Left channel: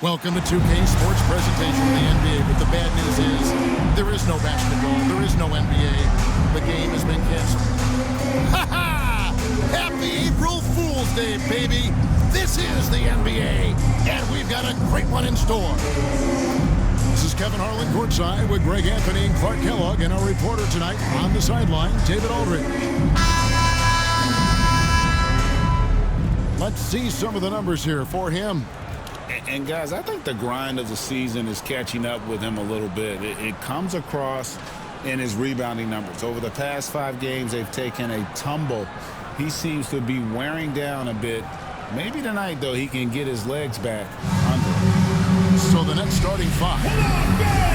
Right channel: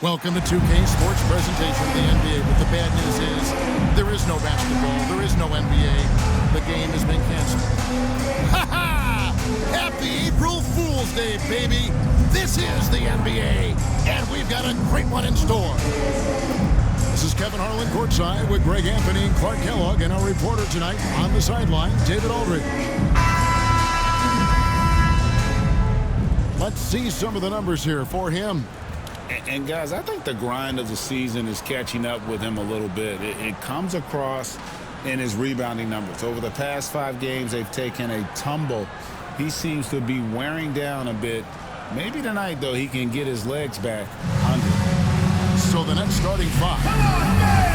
Welcome to 2K Sports presentation of the NBA, but the bad news is there is no basketball, there is no NBA. The game has been canceled. Ha ha! Happy April Fool's Day, baby! This is the NBA, and we've got a great one in store. This is Kevin Harlan courtside with Greg Anthony and Clark Kellogg, and our reporter tonight on the sideline, David Aldridge. Let's see some of the numbers here for him. And guys, I think the grind of the season is catching up with him a little bit. It comes across in his rebounding numbers. Over the past 5 games, they've taken a tumble. He seems to be wearing down a bit. Maybe tonight, though, he can get his legs back under it. So the Nets starting 5.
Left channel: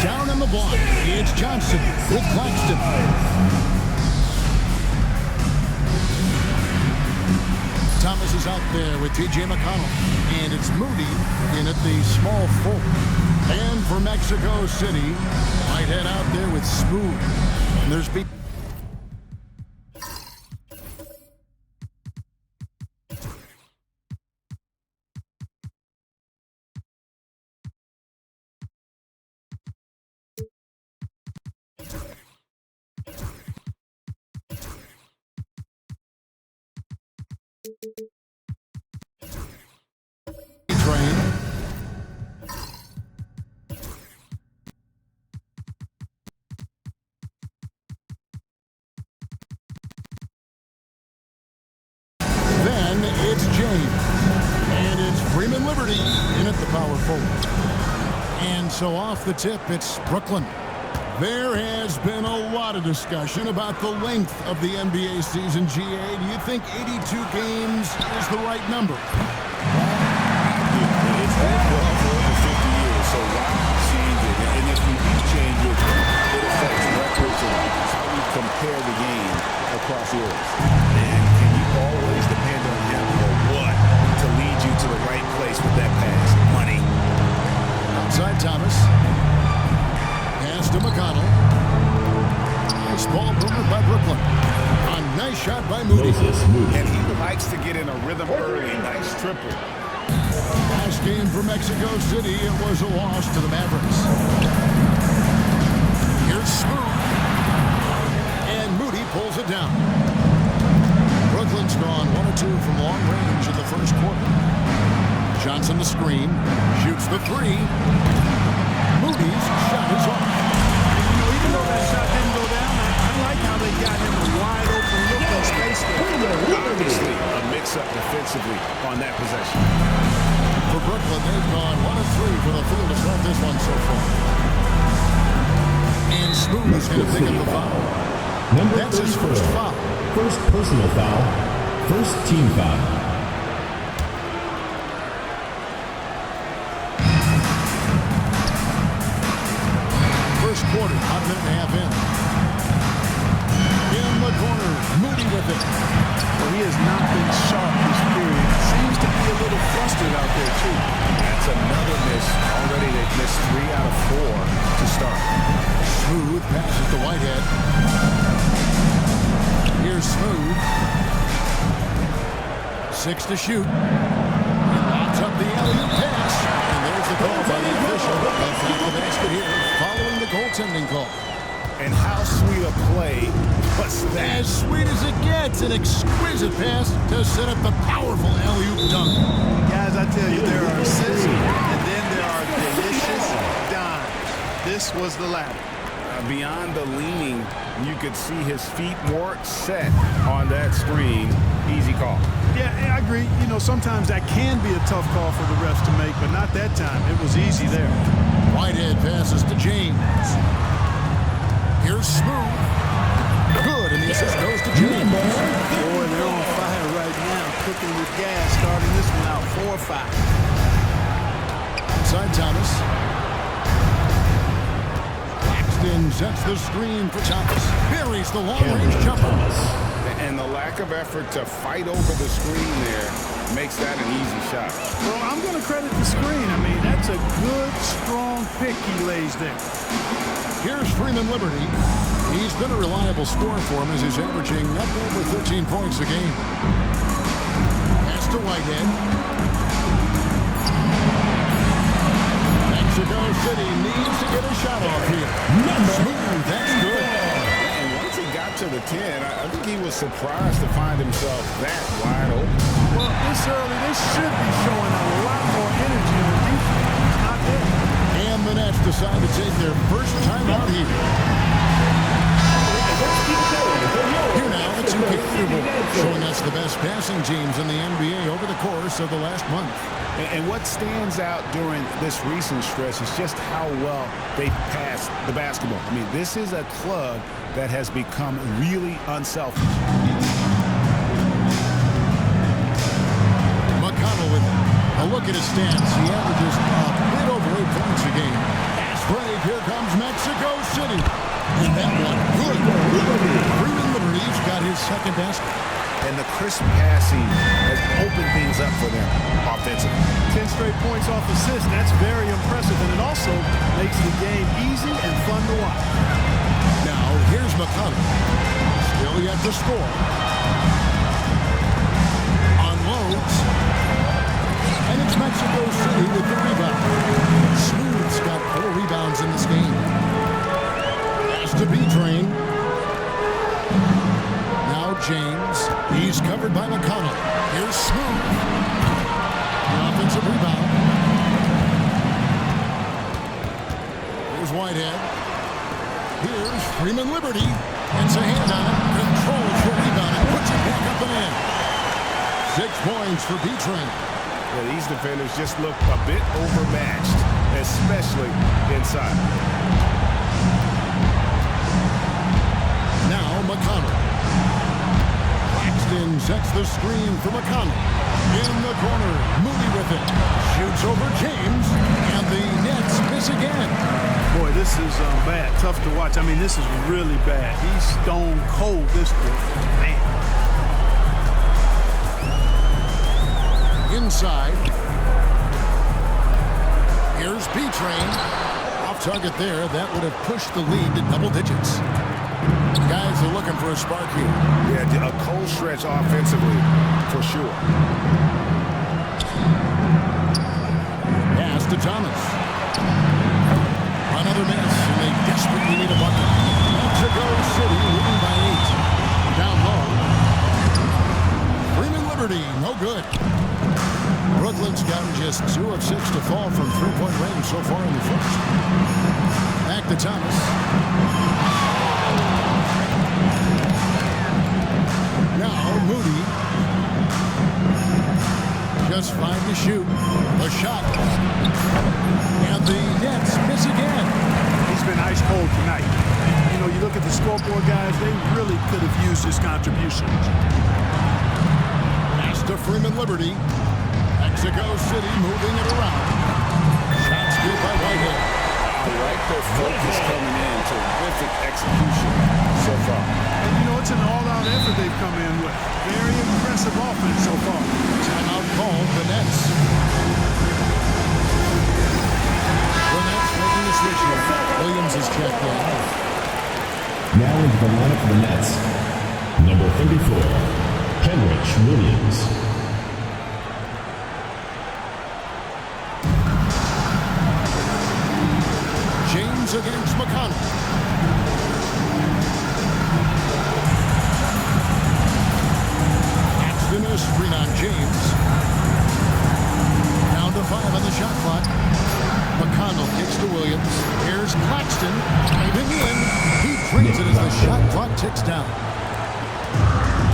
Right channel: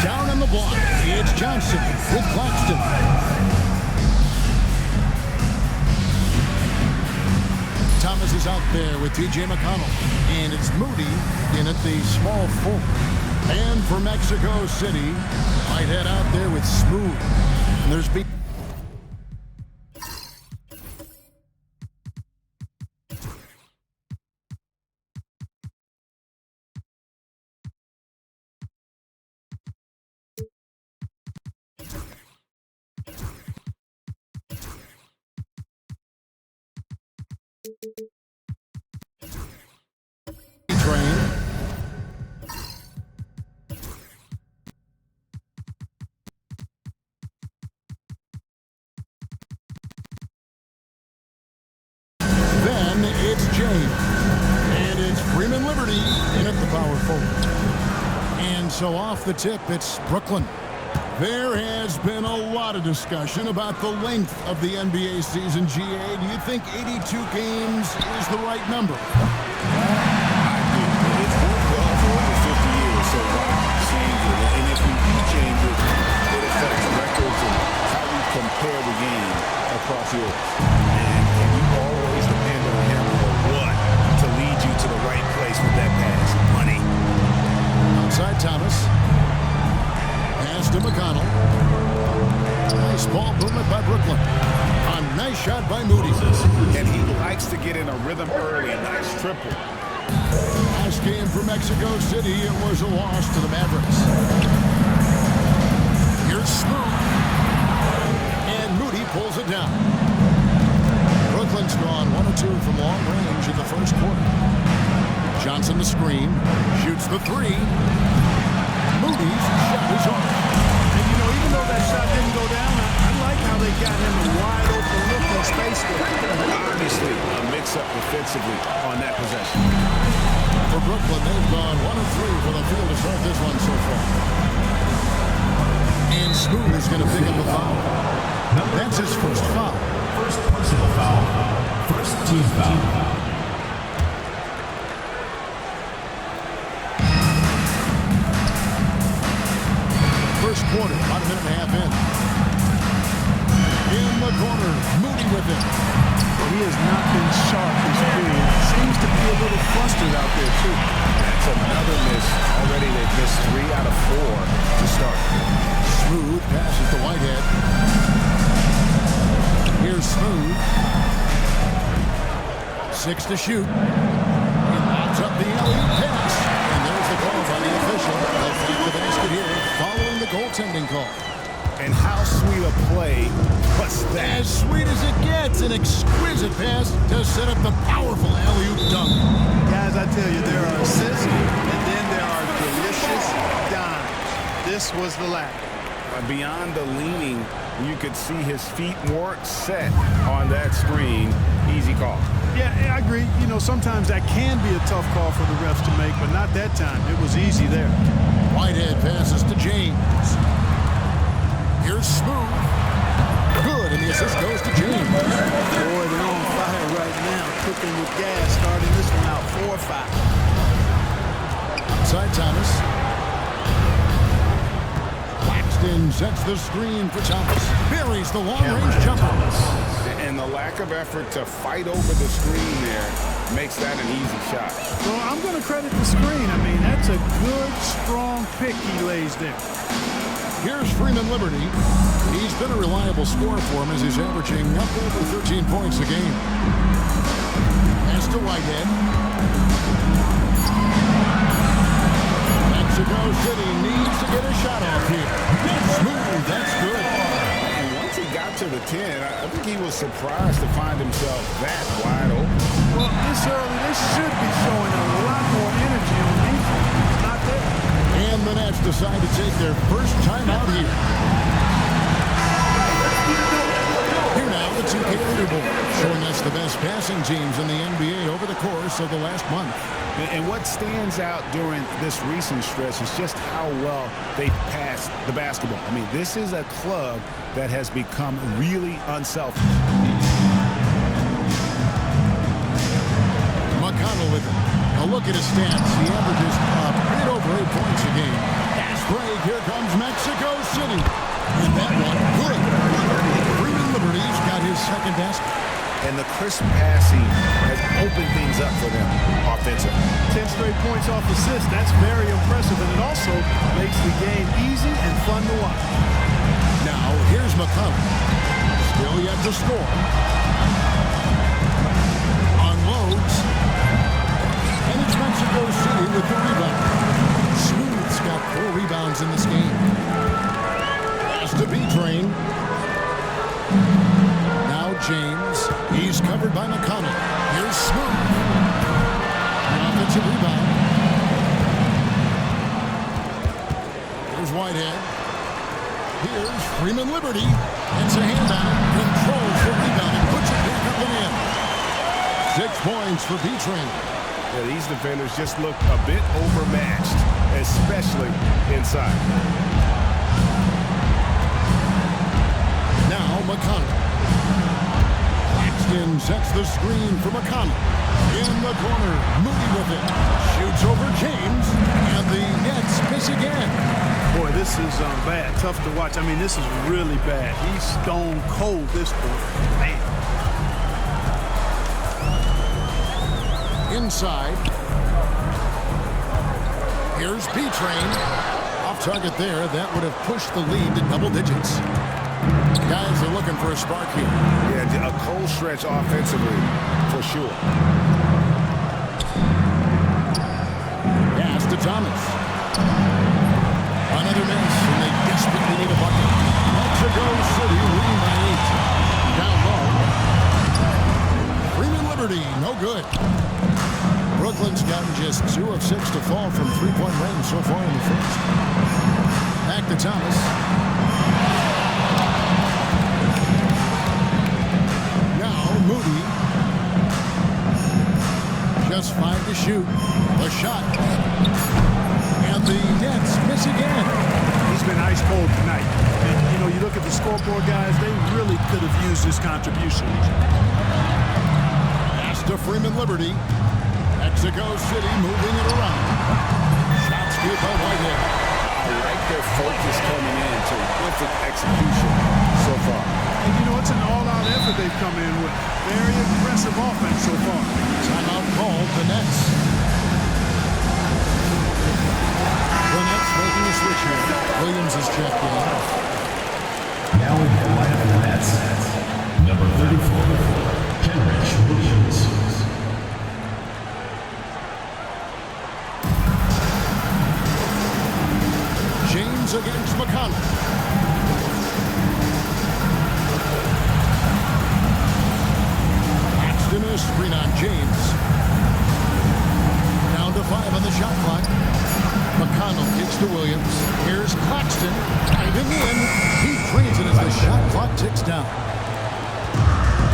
Down on the block, it's Johnson with Claxton. Thomas is out there with T.J. McConnell. And it's Moody in at the small forward. And for Mexico City, Whitehead out there with Smooth. And there's train. Then it's James. And it's Freeman Liberty in at the power forward. And so off the tip, it's Brooklyn. There has been a lot of discussion about the length of the NBA season, GA. Do you think 82 games is the right number? Well, I do. It's worked well for over 50 years, so why change it? And if we do change it, it affects records and how we compare the game across years. And can you always depend on him or what to lead you to the right place with that pass? Money. Outside Thomas. Pass to McConnell. Nice ball movement by Brooklyn. A nice shot by Moody. And he likes to get in a rhythm early. Nice triple. Last game for Mexico City, it was a loss to the Mavericks. Here's Smooth. And Moody pulls it down. Brooklyn's gone 1 of 2 from long range in the first quarter. Johnson the screen. Shoots the 3. Moody's shot is off. And, you know, even though that shot didn't go down, I like how they got him a wide open look in space there. Obviously, a mix-up defensively on that possession. For Brooklyn, they've gone 1 of 3 for the field to start this one so far. And Smooth is going to pick up the foul. That's his first foul. First personal foul. First team foul. First quarter, about a minute and a half in. In the corner, Moody with it. Well, he has not been sharp this period. Seems to be a little flustered out there, too. That's another miss. Already they've missed 3 out of 4 to start. Smooth passes to Whitehead. Here's Smooth. 6 to shoot. He lobs up the alley-oop pass. And there's the call by the official. They'll count the basket here following the goaltending call. And how sweet a play was that? As sweet as it gets, an exquisite pass to set up the powerful alley-oop dunk. Guys, I tell you, there are assists, and then there are delicious dimes. This was the latter. Beyond the leaning, you could see his feet weren't set on that screen. Easy call. Yeah, I agree. You know, sometimes that can be a tough call for the refs to make, but not that time. It was easy there. Whitehead passes to James. Here's Smooth. Good, and the assist goes to James. Boy, they're on fire right now, cooking with gas, starting this one out 4-5. Outside Thomas. Claxton sets the screen for Thomas. Buries the long-range jumper. And the lack of effort to fight over the screen there makes that an easy shot. Well, I'm going to credit the screen. I mean, that's a good, strong pick he lays there. Here's Freeman Liberty. He's been a reliable scorer for him as he's averaging up over 13 points a game. Pass to Whitehead. Mexico City needs to get a shot off here. Smooth, that's good. And once he got to the 10, I think he was surprised to find himself that wide open. Well, this early, they should be showing a lot more energy on defense. It's not there. And the Nets decide to take their first time out here. Here now, the 2K leaderboard, showing us the best passing teams in the NBA over the course of the last month. And what stands out during this recent stretch is just how well they passed the basketball. I mean, this is a club that has become really unselfish. McConnell with it. A look at his stats. He averages a bit over 8 points a game. Fast break. Here comes Mexico City. And that one, good. Freeman Liberty's got his second basket. And the crisp passing has opened things up for them offensively. 10 straight points off assists. That's very impressive. And it also makes the game easy and fun to watch. Now, here's McConnell. Still yet to score. Unloads. And it's Mexico City with the rebound. Smooth's got 4 rebounds in this game. Pass to B-Train. Now James. He's covered by McConnell. Here's Smooth. The offensive rebound. Here's Whitehead. Here's Freeman Liberty. Gets a hand on it. Controls the rebound and puts it back up and in. 6 points for B-Train. Yeah, these defenders just look a bit overmatched, especially inside. Now McConnell. Claxton sets the screen for McConnell. In the corner, Moody with it. Shoots over James, and the Nets miss again. Boy, this is bad. Tough to watch. I mean, this is really bad. He's stone cold this quarter. Man. Inside. Here's B-Train. Off target there. That would have pushed the lead to double digits. Guys are looking for a spark here. Yeah, a cold stretch offensively for sure. Pass to Thomas. Another miss, and they desperately need a bucket. Mexico City leading by 8. Down low. Freeman Liberty, no good. Brooklyn's gotten just 2 of 6 to fall from three-point range so far in the first. Back to Thomas. Now Moody. Just 5 to shoot. The shot. And the Nets miss again. He's been ice cold tonight. And, you know, you look at the scoreboard, guys, they really could have used his contribution. Pass to Freeman Liberty. Mexico City moving it around. Shots good by Whitehead. I like their focus coming in. Terrific execution so far. And, you know, it's an all-out effort they've come in with. Very impressive offense so far. Timeout called, the Nets. The Nets making a switch here. Williams is checked in. Now into the lineup for the Nets. Number 34, Kenrich Williams. James against McConnell. Claxton a screen on James. Down to 5 on the shot clock. McConnell kicks to Williams. Here's Claxton diving in. He drains it as the shot clock ticks down.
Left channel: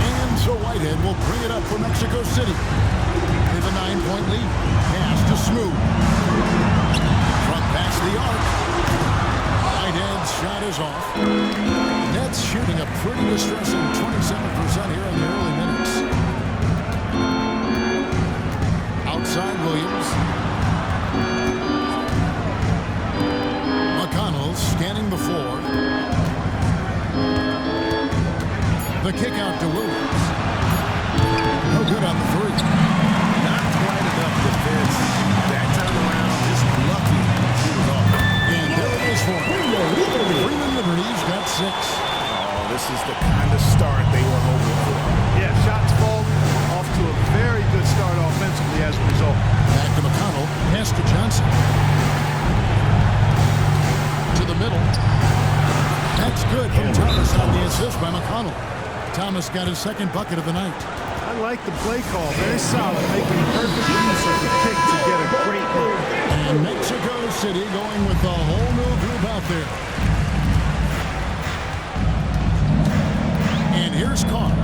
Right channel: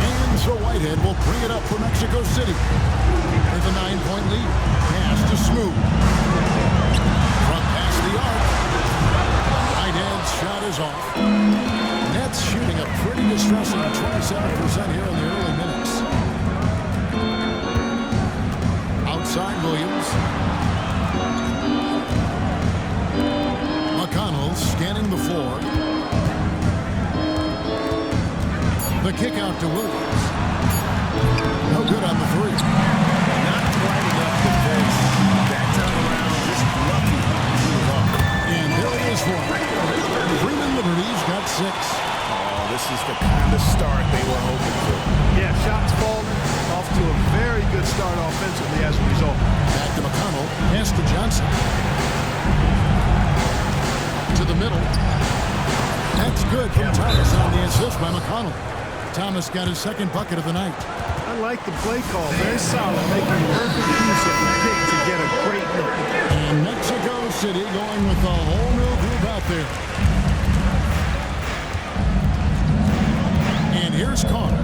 And so Whitehead will bring it up for Mexico City. They have a 9-point lead. Pass to Smooth. From past the arc. Whitehead's shot is off. Nets shooting a pretty distressing 27% here in the early minutes. Outside Williams. McConnell scanning the floor. The kick out to Williams. No good on the 3. Not quite enough defense that time around. Just lucky he was off. And there it is for him. Freeman Liberty's got 6. Oh, this is the kind of start they were hoping for. Yeah, shots falling. Off to a very good start offensively as a result. Back to McConnell. Pass to Johnson. To the middle. That's good from Thomas on the assist by McConnell. Thomas got his second bucket of the night. I like the play call. Very solid, making perfect use of the pick to get a great look. And Mexico City going with a whole new group out there. And here's Connor.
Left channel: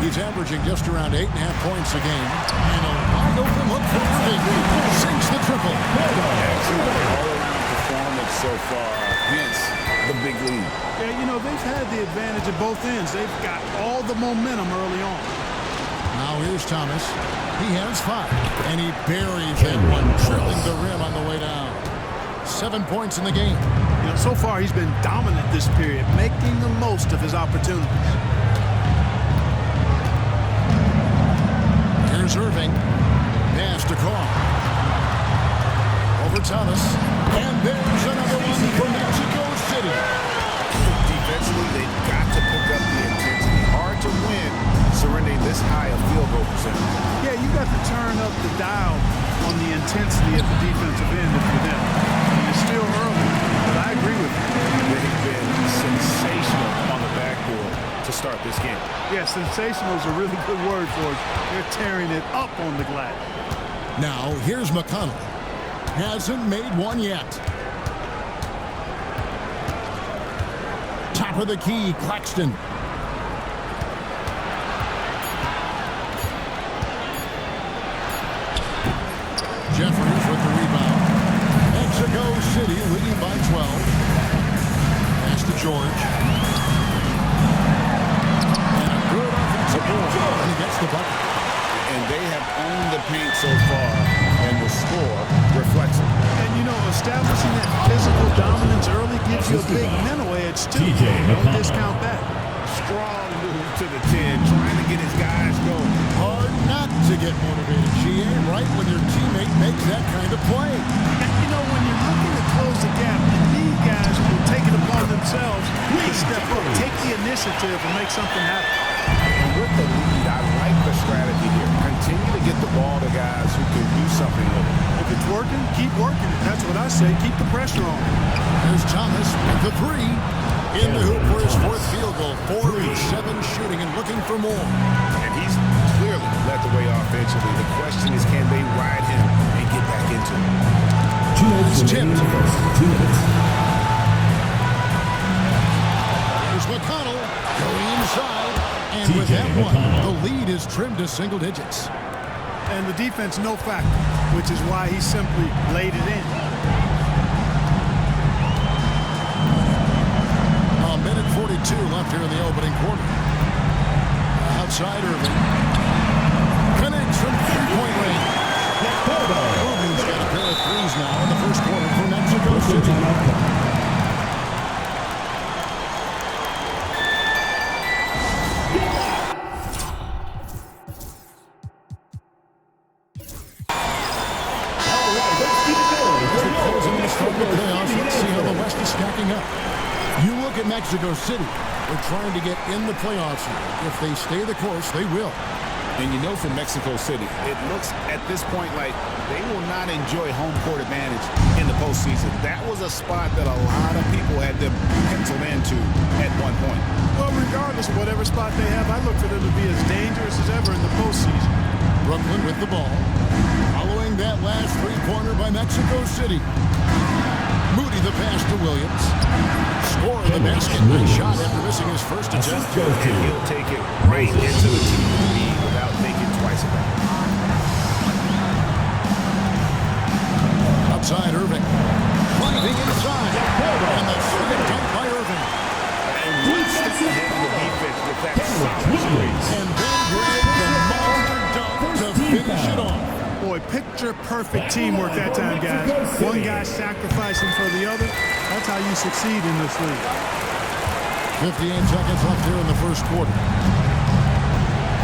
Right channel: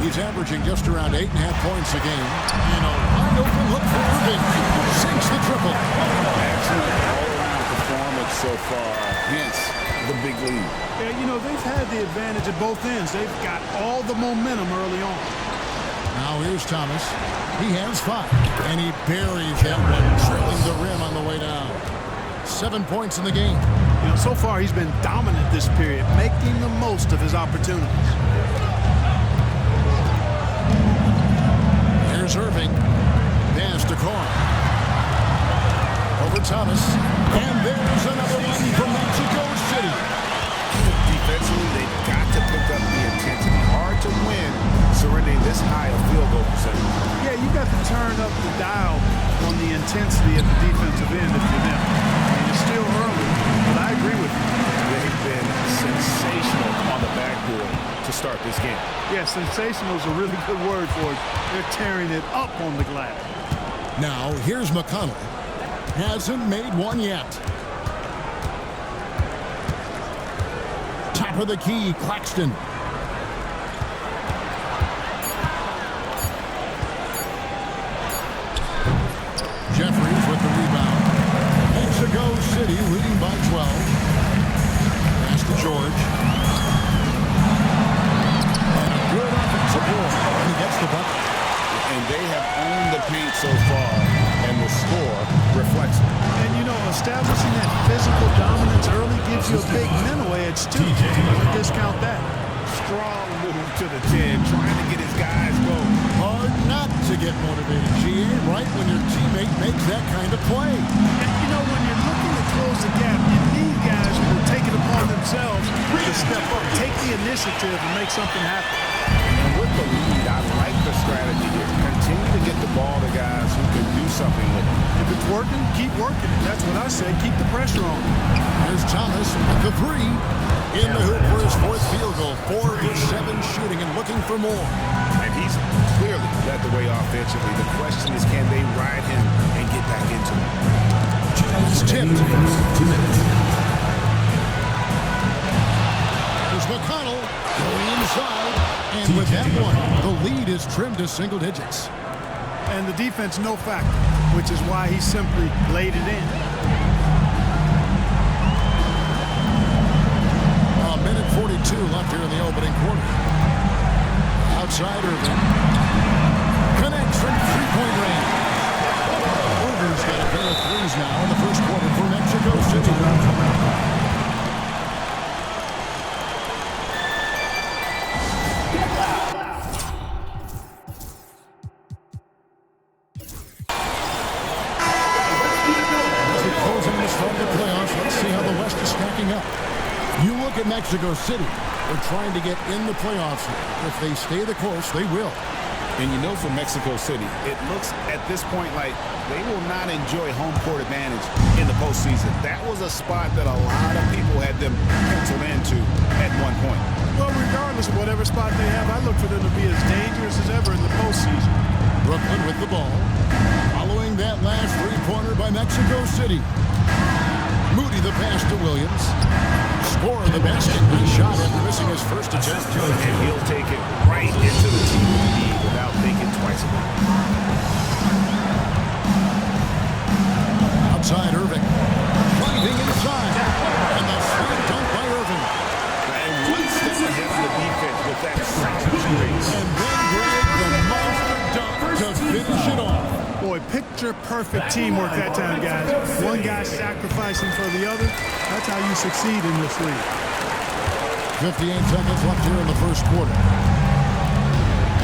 He's averaging just around 8.5 points a game. And a wide open look for Irving. Sinks the triple. Excellent all-around performance so far. Hence the big lead. Yeah, you know, they've had the advantage at both ends. They've got all the momentum early on. Now here's Thomas. He has 5. And he buries that one, drilling the rim on the way down. 7 points in the game. You know, so far he's been dominant this period, making the most of his opportunities. Here's Irving. Pass to Carr. Over Thomas. And there's another one from Mexico City. Defensively, they've got to pick up the intensity. Hard to win surrendering this high a field goal percentage. Yeah, you got to turn up the dial on the intensity at the defensive end if you're them. I mean, it's still early, but I agree with you. They've been sensational on the backboard to start this game. Yeah, sensational is a really good word for it. They're tearing it up on the glass. Now, here's McConnell. Hasn't made one yet. Top of the key, Claxton. Jeffries with the rebound. Mexico City leading by 12. Pass to George. And a good offensive board. And he gets the bucket. And they have owned the paint so far, and the score reflects it. And, you know, establishing that physical dominance early gives you a big mental edge, too. Don't discount that. Strong move to the 10, trying to get his guys going. Hard not to get motivated, GA, right when your teammate makes that kind of play. And, you know, when you're looking to close the gap, you need guys who will take it upon themselves to step up, take the initiative, and make something happen. And with the lead, I like the strategy here. Continue to get the ball to guys who can do something with it. If it's working, keep working it. That's what I say. Keep the pressure on. There's Thomas with the 3. In the hoop for his 4th field goal. 4 for 7 shooting and looking for more. And he's clearly led the way offensively. The question is, can they ride him and get back into it? It's tipped. 2 minutes. There's McConnell going inside. And with that one, the lead is trimmed to single digits. And the defense, no factor, which is why he simply laid it in. A minute 42 left here in the opening quarter. Outside Irving. Connects from three-point range. Irving's got a pair of threes now in the first quarter for Mexico City. As we close in the start of the playoffs, let's see how the West is stacking up. You look at Mexico City. They're trying to get in the playoffs here. If they stay the course, they will. And you know, for Mexico City, it looks at this point like they will not enjoy home court advantage in the postseason. That was a spot that a lot of people had them penciled into at one point. Well, regardless of whatever spot they have, I look for them to be as dangerous as ever in the postseason. Brooklyn with the ball. Following that last three-pointer by Mexico City. Moody the pass to Williams. Score the basket. Nice shot after missing his first attempt. And he'll take it right into the team with the lead without thinking twice about it. Outside Irving. Driving inside. And the slam dunk by Irving. And one step ahead of the defense with that solid screen. And then Greg, the monster dunk to finish it off. Boy, picture-perfect teamwork that time, guys. One guy sacrificing for the other. That's how you succeed in this league. 58 seconds left here in the first quarter.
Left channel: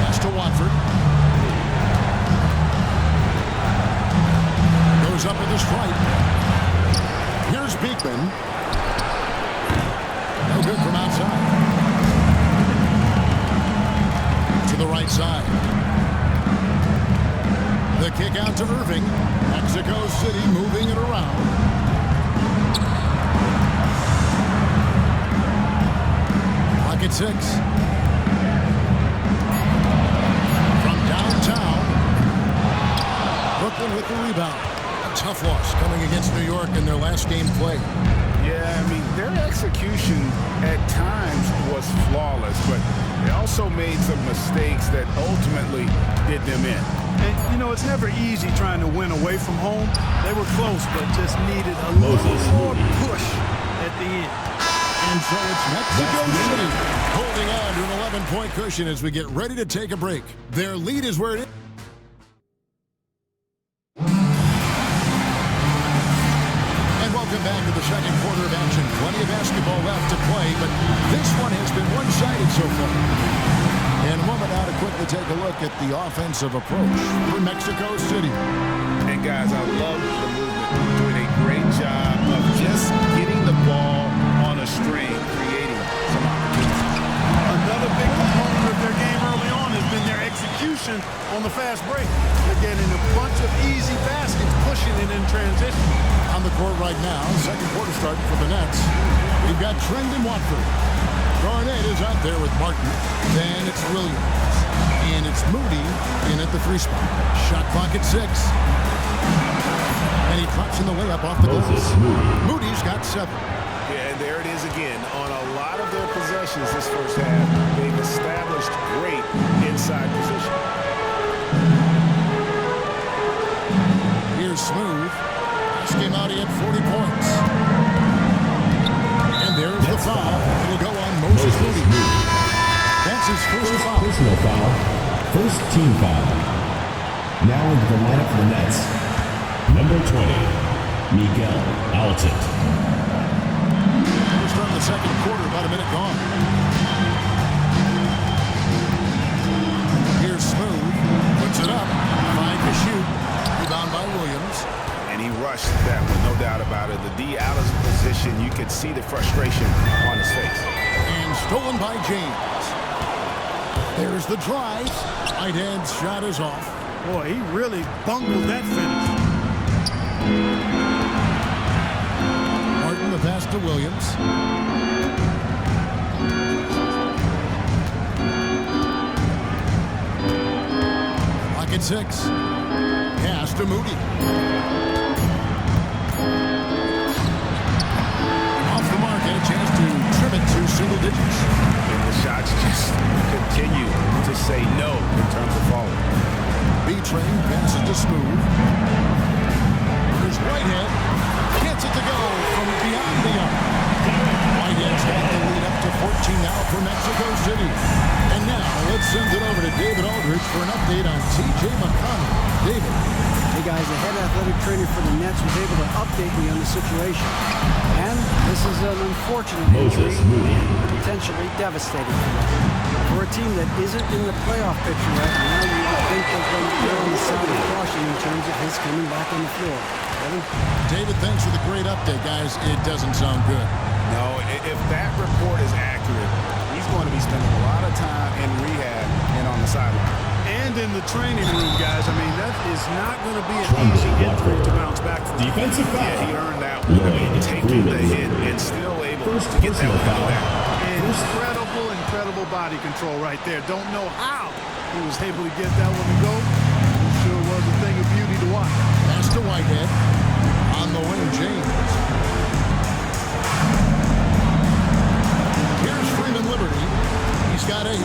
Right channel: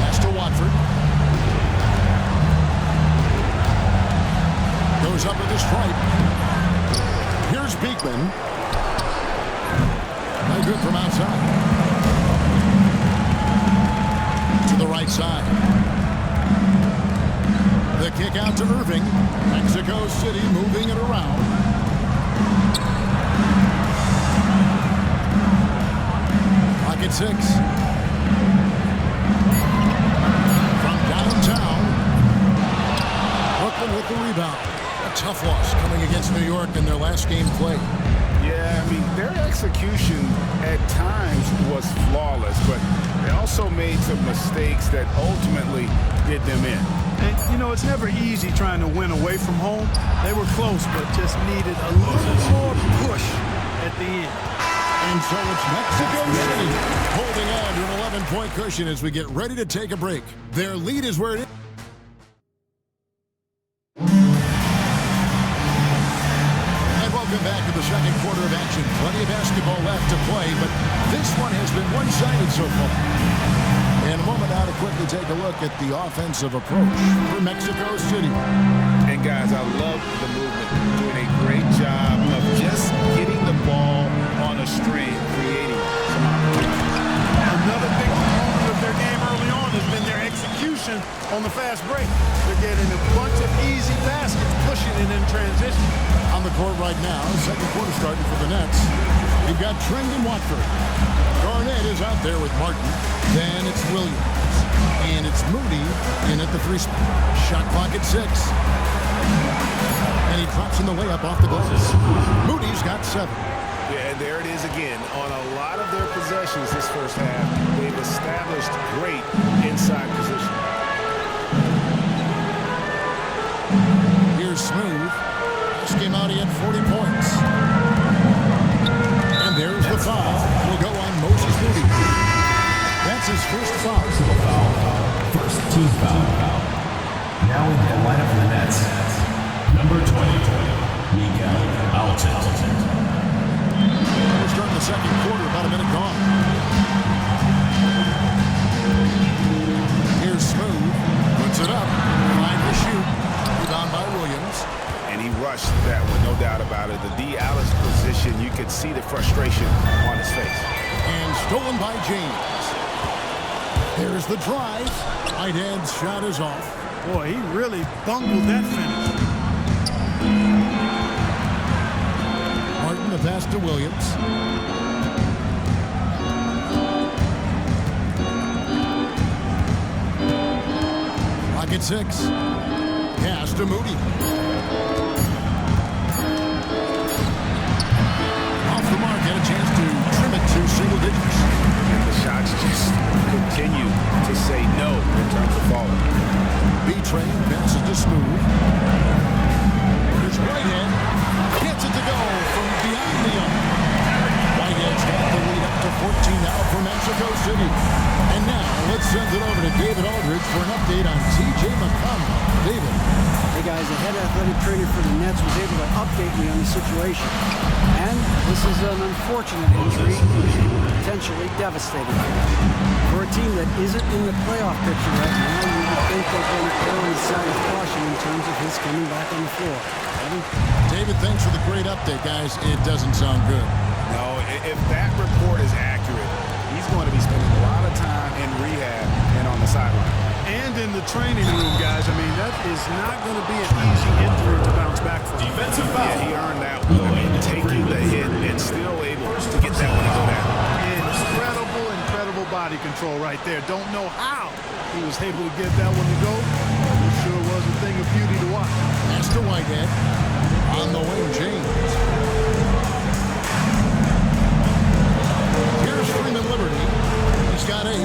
Pass to Watford. Goes up with the stripe. Here's Beekman. No good from outside. To the right side. The kick out to Irving. Mexico City moving it around. Clock at 6. From downtown, Brooklyn with the rebound. A tough loss coming against New York in their last game played. Yeah, I mean, their execution at times was flawless, but they also made some mistakes that ultimately did them in. And, you know, it's never easy trying to win away from home. They were close, but just needed a little more push at the end. And so it's Mexico City holding on to an 11-point cushion as we get ready to take a break. Their lead is where it is. And welcome back to the second quarter of action. Plenty of basketball left to play, but this one has been one-sided so far. In a moment now to quickly take a look at the offensive approach for Mexico City. And guys, I love the movement. Doing a great job of just getting the ball on a string, creating some opportunities. Another big component of their game early on has been their execution on the fast break. They're getting a bunch of easy baskets, pushing it in transition. On the court right now, second quarter starting for the Nets. We've got Trend and Watford. Garnett is out there with Martin. Then it's Williams. And it's Moody in at the 3 spot. Shot clock at 6. And he drops in the layup off the glass. Moody's got 7. Yeah, and there it is again. On a lot of their possessions this first half, they've established great inside position. Here's Smooth. Last game out, he had 40 points. And there's the foul. It'll go on Moses Moody. That's his first foul. Personal foul. First team foul. Now into the lineup for the Nets. Number 20, Miguel Altit. We're starting the second quarter, about a minute gone. Here's Smooth. Puts it up. 5 to shoot. Rebound by Williams. And he rushed that one, no doubt about it. The D out of position, you could see the frustration on his face. And stolen by James. There's the drive. Whitehead's shot is off. Boy, he really bungled that finish. Martin, the pass to Williams. Clock at 6. Pass to Moody. Off the mark, had a chance to trim it to single digits. And the shots just continue to say no in terms of falling. B-Train passes to Smooth. Here's Whitehead. Gets it to go from beyond the arc. Whitehead's got the lead up to 14 now for Mexico City. And now let's send it over to David Aldridge for an update on T.J. McConnell. David. Hey guys, the head athletic trainer for the Nets was able to update me on the situation. And this is an unfortunate injury, potentially devastating for them. For a team that isn't in the playoff picture right now, you would think they're going to err on the side of caution in terms of his coming back on the floor. Kevin? David, thanks for the great update, guys. It doesn't sound good. No, if that report is accurate, he's going to be spending a lot of time in rehab and on the sideline. And in the training room, guys. I mean, that is not going to be an easy injury to bounce back from. Defensive foul. Yeah, he earned that one. I mean, taking the hit and still able to get that one to go down. Incredible body control right there. Don't know how he was able to get that one to go. This sure was a thing of beauty to watch. Pass to Whitehead. On the wing, James. Here's Freeman Liberty. He's got 8.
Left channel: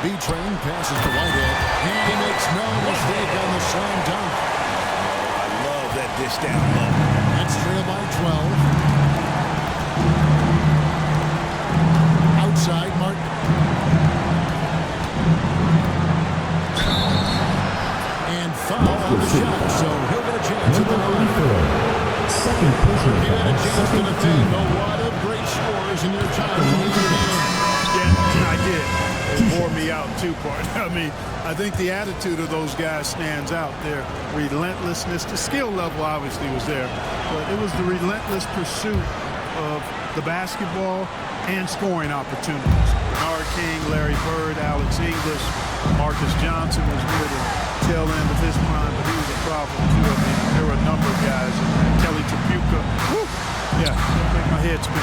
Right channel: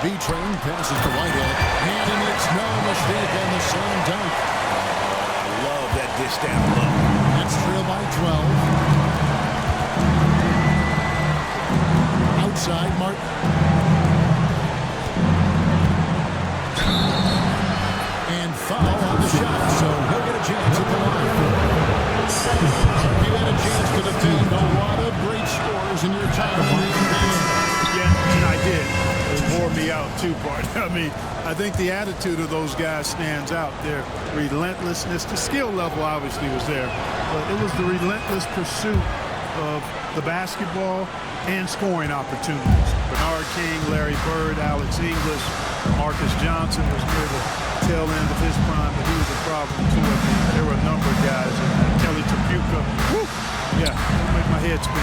B-Train passes to Whitehead. And he makes no mistake on the slam dunk. Oh, I love that dish down low. That's trailed by 12. Outside, Martin. And foul on the shot, so he'll get a chance at the line. You had a chance to defend a lot of great scores in your time in the NBA. Yeah, I did. It wore me out too, part. I mean, I think the attitude of those guys stands out. Their relentlessness, the skill level obviously was there, but it was the relentless pursuit of the basketball and scoring opportunities. Bernard King, Larry Bird, Alex English, Marcus Johnson was near the tail end of his prime, but he was a problem too. I mean, there were a number of guys, and Kelly Tripucka, Yeah, don't make my head spin.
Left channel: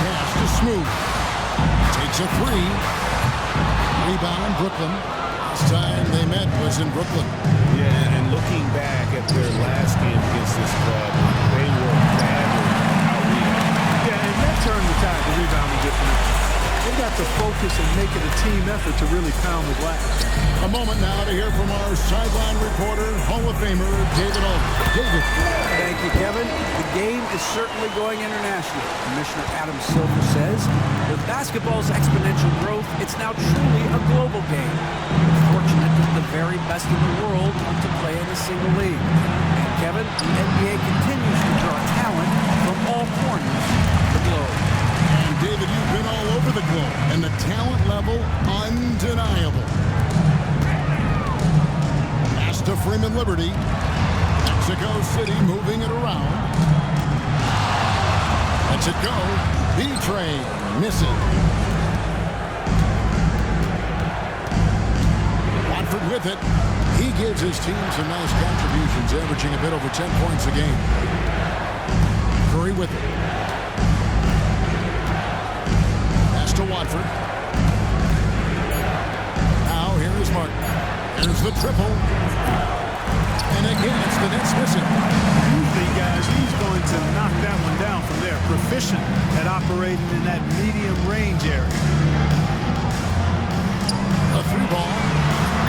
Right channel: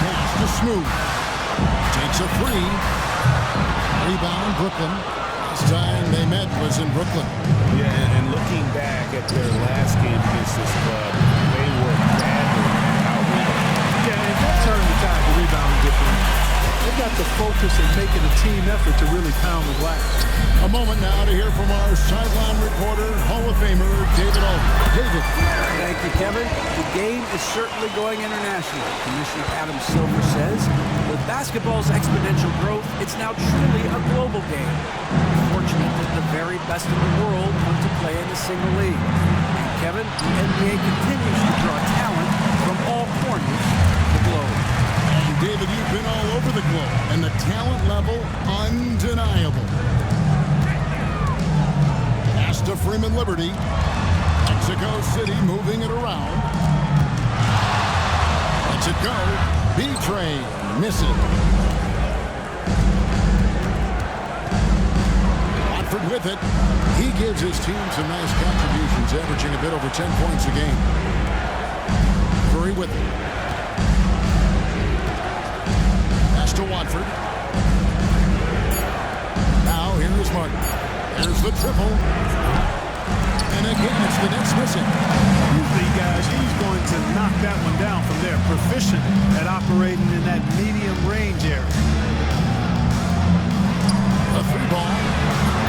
Pass to Smooth. Takes a three. Rebound, Brooklyn. Last time they met was in Brooklyn. Yeah, and looking back at their last game against this club, they were badly out-rebounded. Yeah, and that turned the tide, the rebounding differential. They've got to focus and make it a team effort to really pound the glass. A moment now to hear from our sideline reporter, Hall of Famer David Aldridge. David. Thank you, Kevin. The game is certainly going international. Commissioner Adam Silver says, with basketball's exponential growth, it's now truly a global game. We're fortunate that the very best in the world want to play in a single league. And Kevin, the NBA continues to draw talent from all corners of the globe. And David, you've been all over the globe, and the talent level undeniable. Pass to Freeman Liberty. Mexico City moving it around. Lets it go. B-Train misses. Watford with it. He gives his team some nice contributions, averaging a bit over 10 points a game. Curry with it. Pass to Watford. Now here is Martin. There's the triple. And again, it's the Nets missing. Usually, guys, he's going to knock that one down from there. Proficient at operating in that medium range area. A three ball.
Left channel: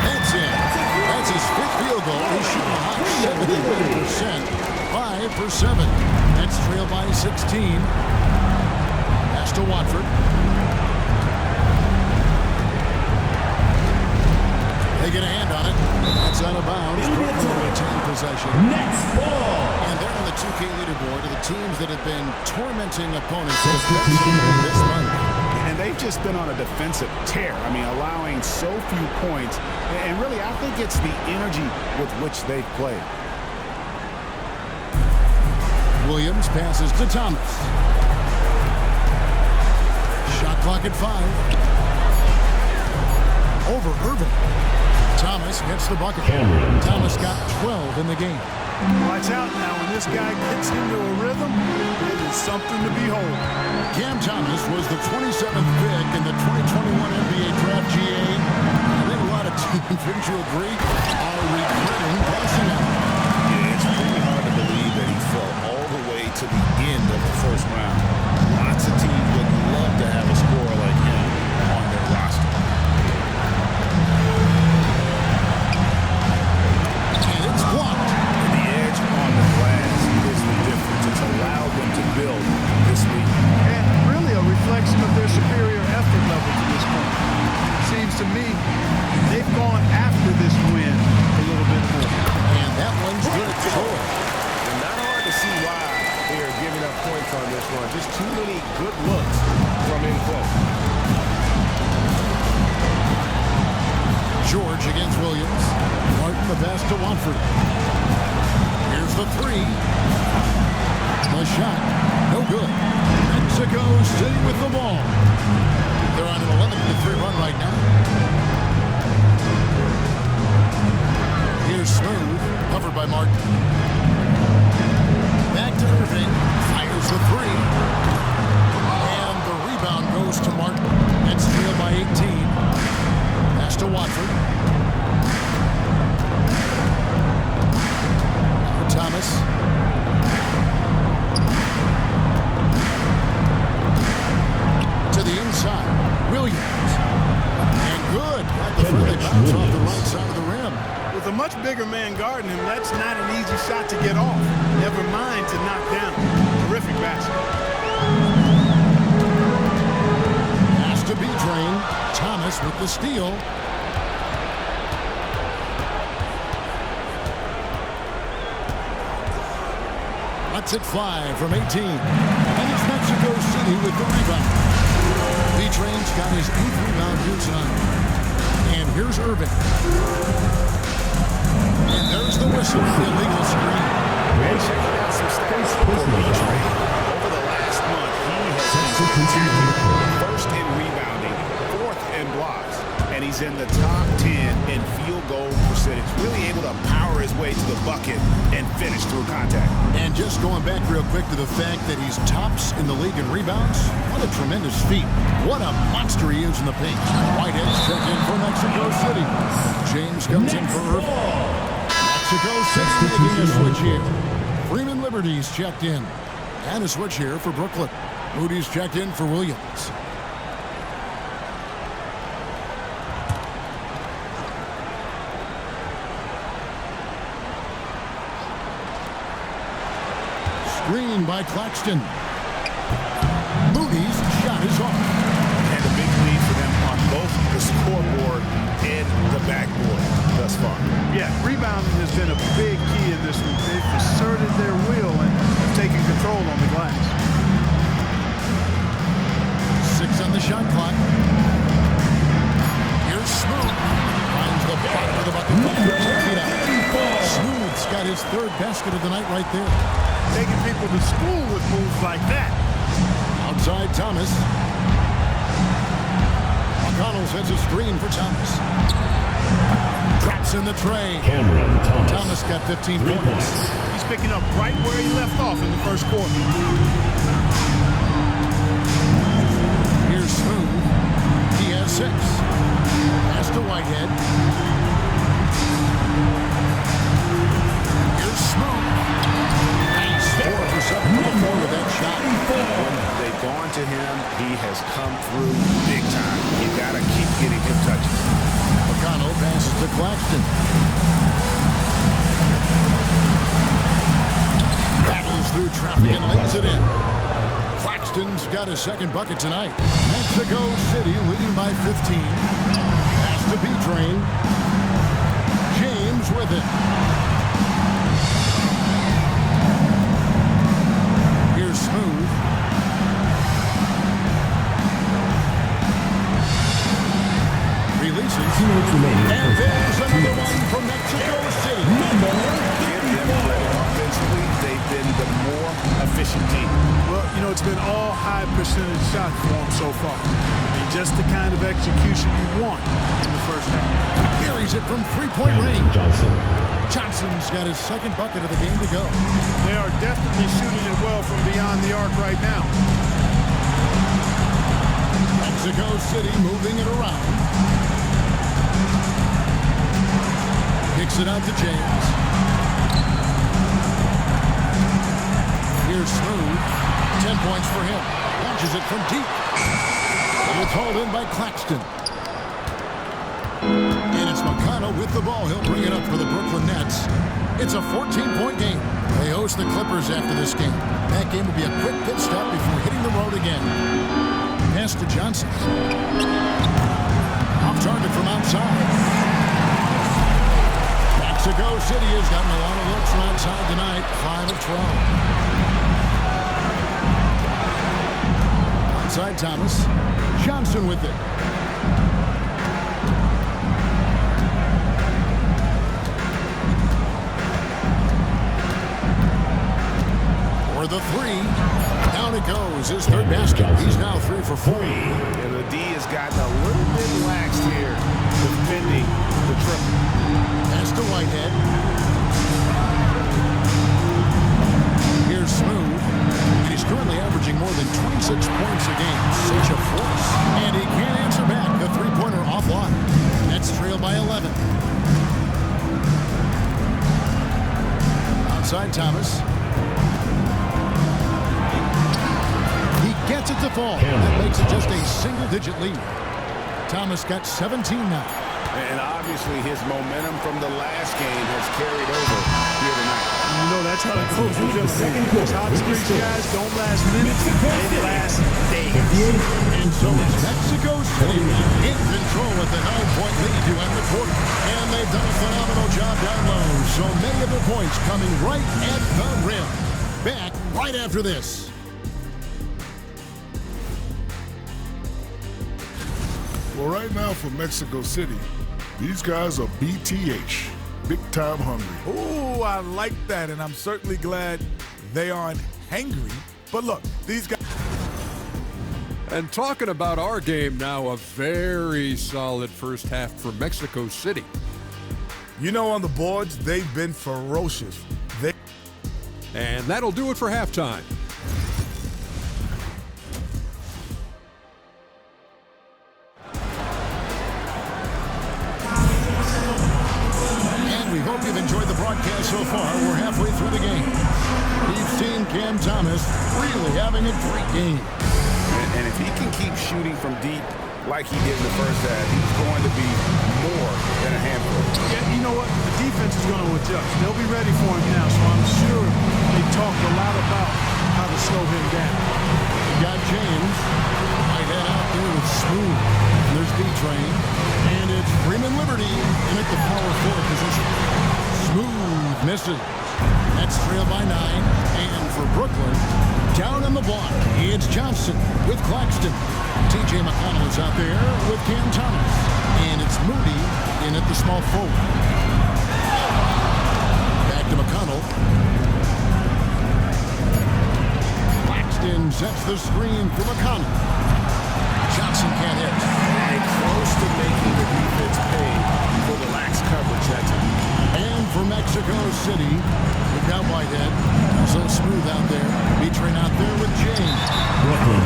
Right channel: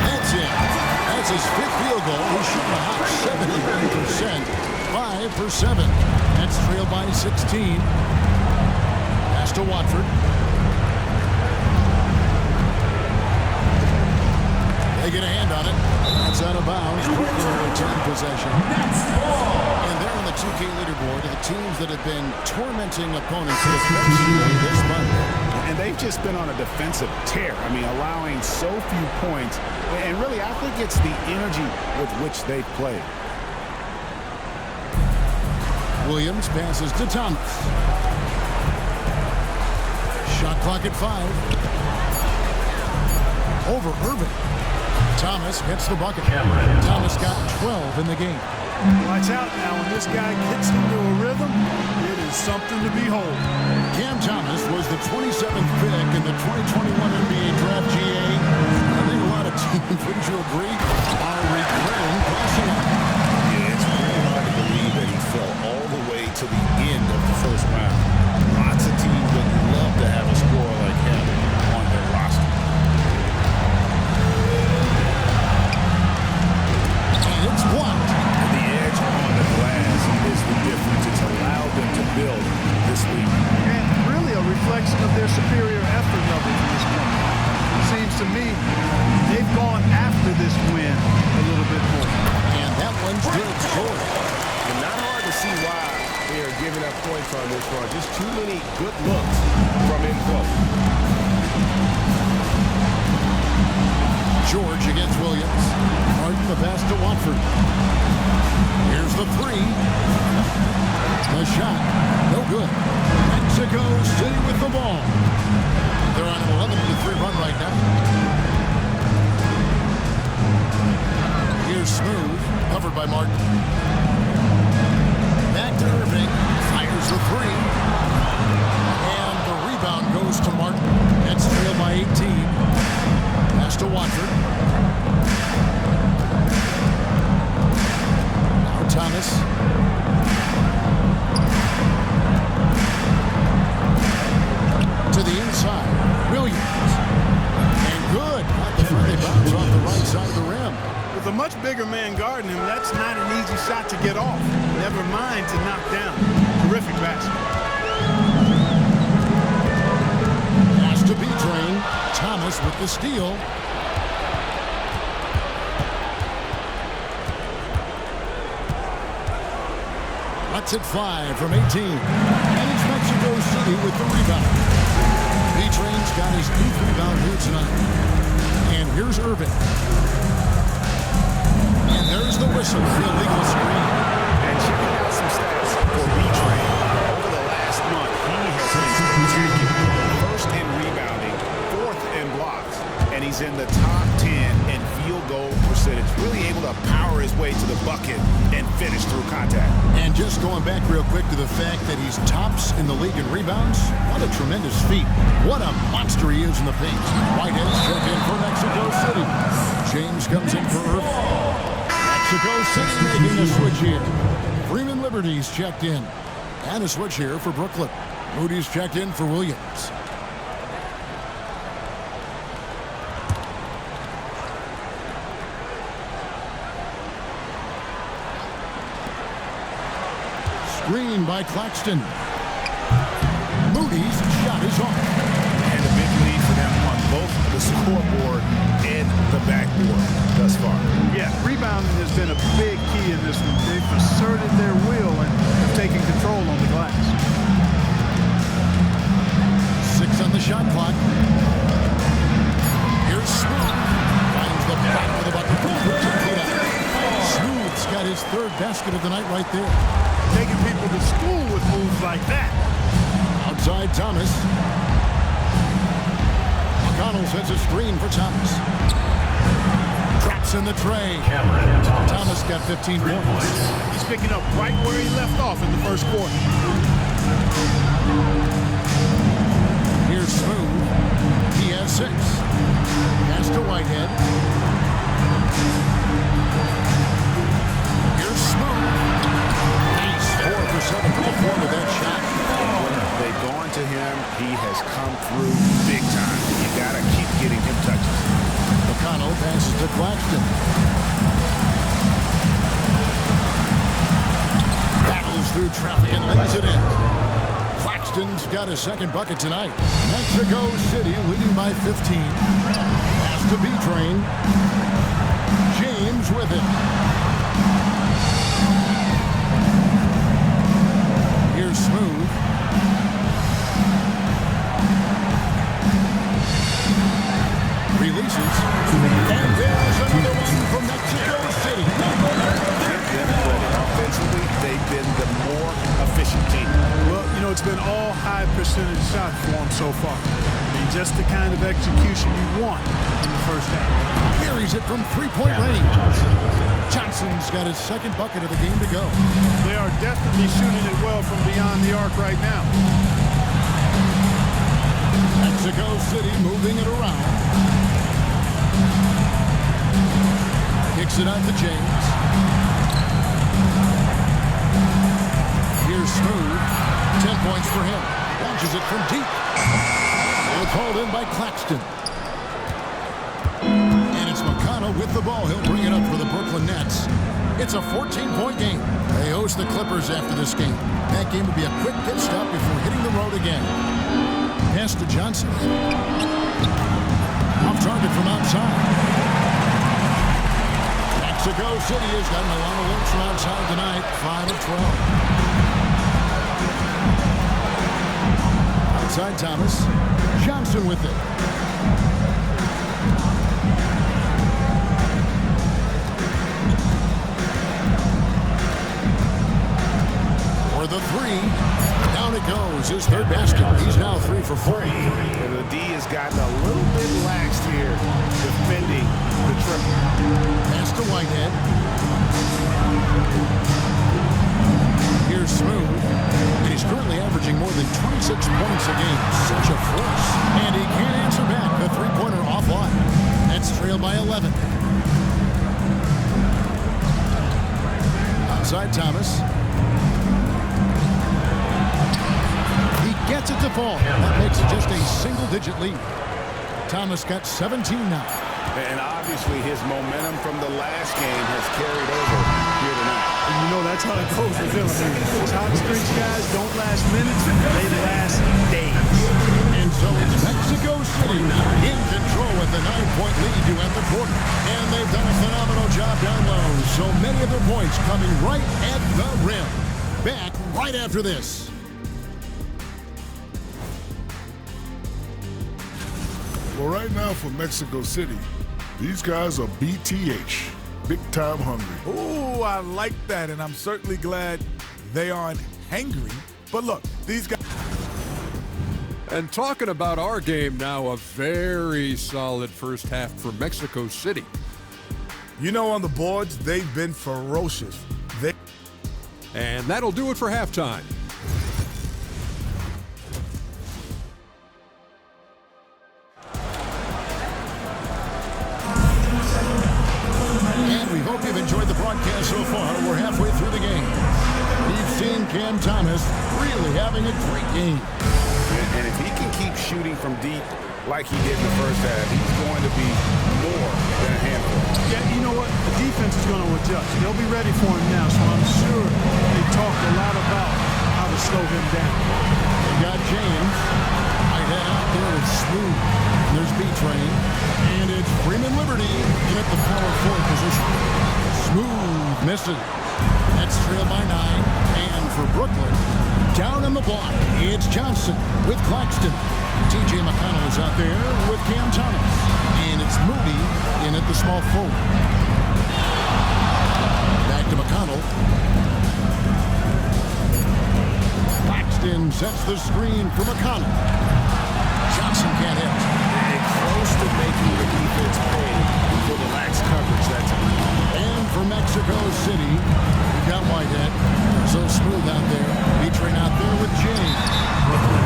That's it. That's his fifth field goal. He's shooting a hot 71%. 5 for 7. Nets trail by 16. Pass to Watford. They get a hand on it. That's out of bounds. Brooklyn will retain possession. Nets ball. And they're on the 2K leaderboard of the teams that have been tormenting opponents defensively this month. And they've just been on a defensive tear. I mean, allowing so few points. And really, I think it's the energy with which they've played. Williams passes to Thomas. Shot clock at 5. Over Irving. Thomas gets the bucket. Thomas got 12 in the game. Watch out now. When this guy gets into a rhythm, it is something to behold. Cam Thomas was the 27th pick in the 2021 NBA Draft GA. I think a lot of teams, wouldn't you agree, are regretting passing on him. Yeah, it's pretty hard to believe that he fell all the way to the end of the first round. Lots of teams would love to have a scorer like him on their roster. And it's blocked. The edge on the glass is the difference. It's allowed them to build this lead. And really a reflection of their superior effort level to this point. It seems to me they've gone after this win a little bit more. And that one's good. Short. And not hard to see why they are giving up points on this run. Just too many good looks from in close. George against Williams. Martin the pass to Watford. Here's the three. The shot. No good. Mexico City with the ball. They're on an 11-3 run right now. Here's Smooth. Covered by Martin. Back to Irving. Fires the three. And the rebound goes to Martin. Nets trail by 18. Pass to Watford. Now Thomas. To the inside. Williams. And good. Got the friendly bounce off the right side of the rim. With a much bigger man guarding him, that's not an easy shot to get off. Never mind to knock down. Terrific basket. Pass to B-Train. Thomas with the steal. Lets it fly from 18. And it's Mexico City with the rebound. B-Train's got his 8th rebound here tonight. And here's Irving. And there's the whistle. Illegal screen. And checking out some stats for B-Train. Over the last month, he has been spectacular. First in rebounding, fourth in blocks, and he's in the top 10 in field goal percentage. Really able to power his way to the bucket and finish through contact. And just going back real quick to the fact that he's tops in the league in rebounds, what a tremendous feat. What a monster he is in the paint. Whitehead's checked in for Mexico City. James comes in for Irving. Mexico City making a switch here. Freeman Liberty's checked in. And a switch here for Brooklyn. Moody's checked in for Williams. Screen by Claxton. Moody's shot is off. And a big lead for them on both the scoreboard and the backboard thus far. Yeah, rebounding has been a big key in this one. They've asserted their will and have taken control on the glass. 6 on the shot clock. Here's Smooth. Finds the bottom of the bucket from 15 feet out. Smooth's got his third basket of the night right there. Taking people to school with moves like that. Outside Thomas. McConnell sets a screen for Thomas. Drops in the tray. Cameron Thomas. Thomas got 15 points. He's picking up right where he left off in the first quarter. Here's Smooth. He has 6. Pass to Whitehead. Here's Smooth. Nice. 4 for 7 from the floor with that shot. When they've gone to him, he has come through big time. You got to keep getting him touches. McConnell passes to Claxton. Battles through traffic and lays it in. Claxton's got his second bucket tonight. Mexico City leading by 15. Pass to B-Train. James with it. Here's Smooth. Releases. And there's another one from Mexico City. Give them credit. Offensively, they've been the more efficient team. Well, you know, it's been all high percentage shots for them so far. I mean, just the kind of execution you want in the first half. Buries it from three-point range. Johnson's got his second bucket of the game to go. They are definitely shooting it well from beyond the arc right now. Mexico City moving it around. Kicks it out to James. Here's Smooth. 10 points for him. Launches it from deep. It's hauled in by Claxton. And it's McConnell with the ball. He'll bring it up for the Brooklyn Nets. It's a 14-point game. They host the Clippers after this game. That game will be a quick pit stop before hitting the road again. Pass to Johnson. Off target from outside. Mexico City has gotten a lot of looks from outside tonight. 5 of 12. Outside Thomas. Johnson with it. For the 3. Down it goes. His third basket. He's now 3 for 4. And the D has gotten a little bit laxed here defending the triple. Pass to Whitehead. Here's Smooth. And he's currently averaging more than 26 points a game. Such a force. And he can't answer back. The three-pointer offline. Nets trail by 11. Outside Thomas. He gets it to fall. That makes it just a single-digit lead. Thomas got 17 now. And obviously his momentum from the last game has carried over here tonight. And you know that's how it goes with them. I mean, those hot streak guys don't last minutes, they last days. And so it's Mexico City in control with a 9-point lead to end the quarter. And they've done a phenomenal job down low. So many of their points coming right at the rim. Back right after this. Well, right now for Mexico City, these guys are BTH, big time hungry. Ooh, I like that, and I'm certainly glad they aren't hangry. But look, these guys... And talking about our game now, a very solid first half for Mexico City. You know, on the boards, they've been ferocious. And that'll do it for halftime. And we hope you've enjoyed the broadcast so far. We're halfway through the game. We've seen Cam Thomas really having a great game. And if he can keep shooting from deep like he did in the first half, he's going to be more than a handful. Yeah, you know what? The defense is going to adjust. They'll be ready for him now, so I'm sure they talked a lot about how to slow him down. They got James. Right head out there with Smooth. And there's B-Train. And it's Freeman Liberty in at the power forward position. Smooth misses. That's trailed by 9. And for Brooklyn, down on the block, it's Johnson with Claxton. T.J. McConnell is out there with Cam Thomas. And it's Moody in at the small forward. Back to McConnell. Claxton sets the screen for McConnell. Johnson can't hit. And close to making the defense pay for the lax coverage that time. And for Mexico City, we've got Whitehead. So Smooth out there. B-Train out there with James.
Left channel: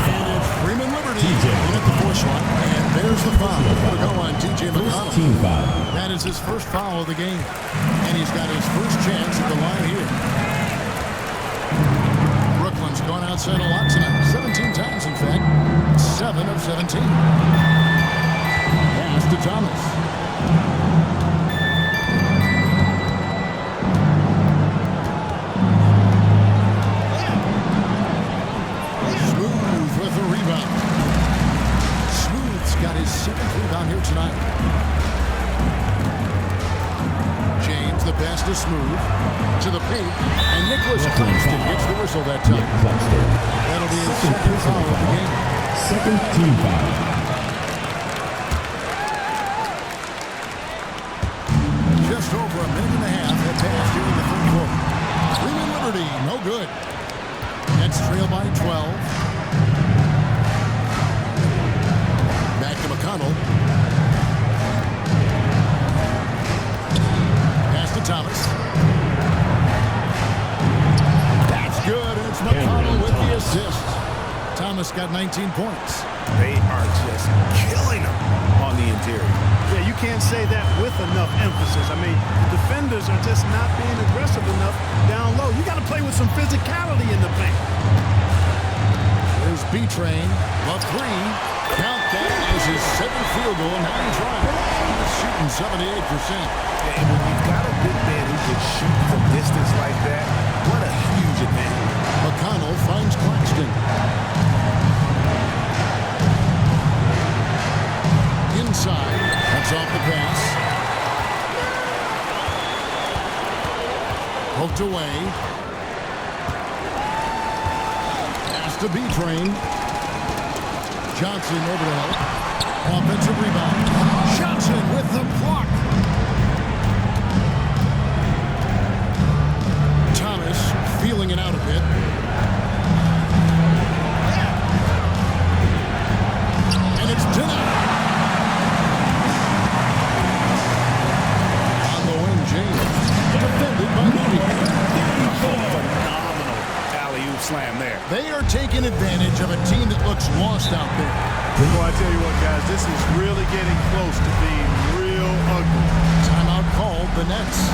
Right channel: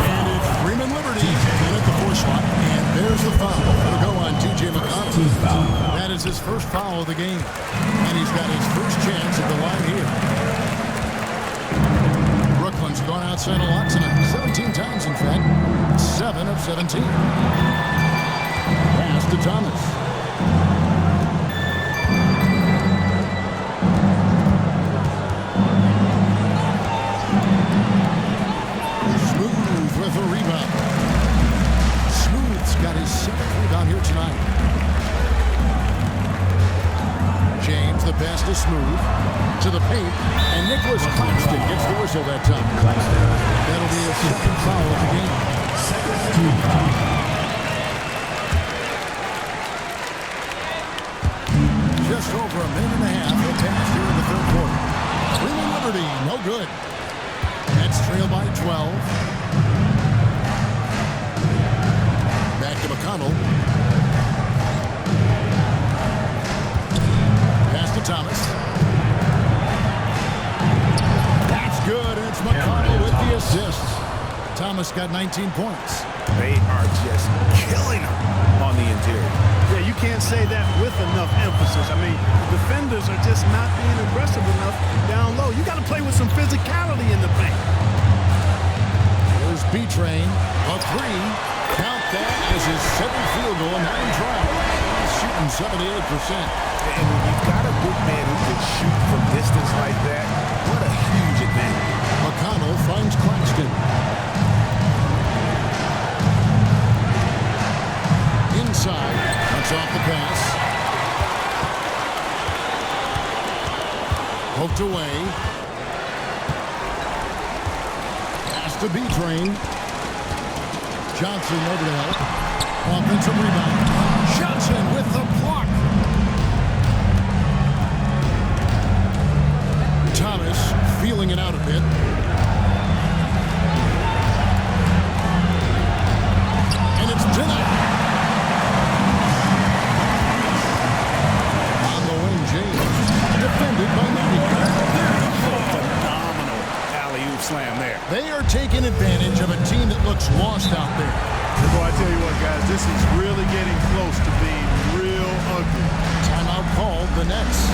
And it's Freeman Liberty in at the 4 slot. And there's the foul. It'll go on T.J. McConnell. Team foul. That is his first foul of the game. And he's got his first chance at the line here. Brooklyn's gone outside a lot tonight. 17 times, in fact. 7 of 17. Pass to Thomas. Smooth with a rebound. Smooth's got his 7th rebound here tonight. James, the pass to Smooth. To the paint. And Nicholas Claxton gets the whistle that time. That'll be his second foul of the game. Second team foul. Just over a minute and a half have passed here in the third quarter. Freeman Liberty, no good. Nets trail by 12. Back to McConnell. Pass to Thomas. That's good. It's McConnell with the assist. Thomas got 19 points. They are just killing them on the interior. Yeah, you can't say that with enough emphasis. I mean, the defenders are just not being aggressive enough down low. You got to play with some physicality in the paint. There's B-Train, the 3. Count that as his 7th field goal in 9 tries. He's shooting 78%. And when you've got a big man who can shoot from distance like that, what a huge advantage. McConnell finds Claxton. Inside, cuts off the pass. Poked away. Pass to B-Train. Johnson over to help. Offensive rebound. Johnson with the block. Thomas feeling it out a bit. And it's denied. On the wing, James. Defended by Moody. Oh, phenomenal alley-oop slam there. They are taking advantage of a team that looks lost out there. Boy, I tell you what, guys, this is really getting close to being real ugly. Timeout called the Nets.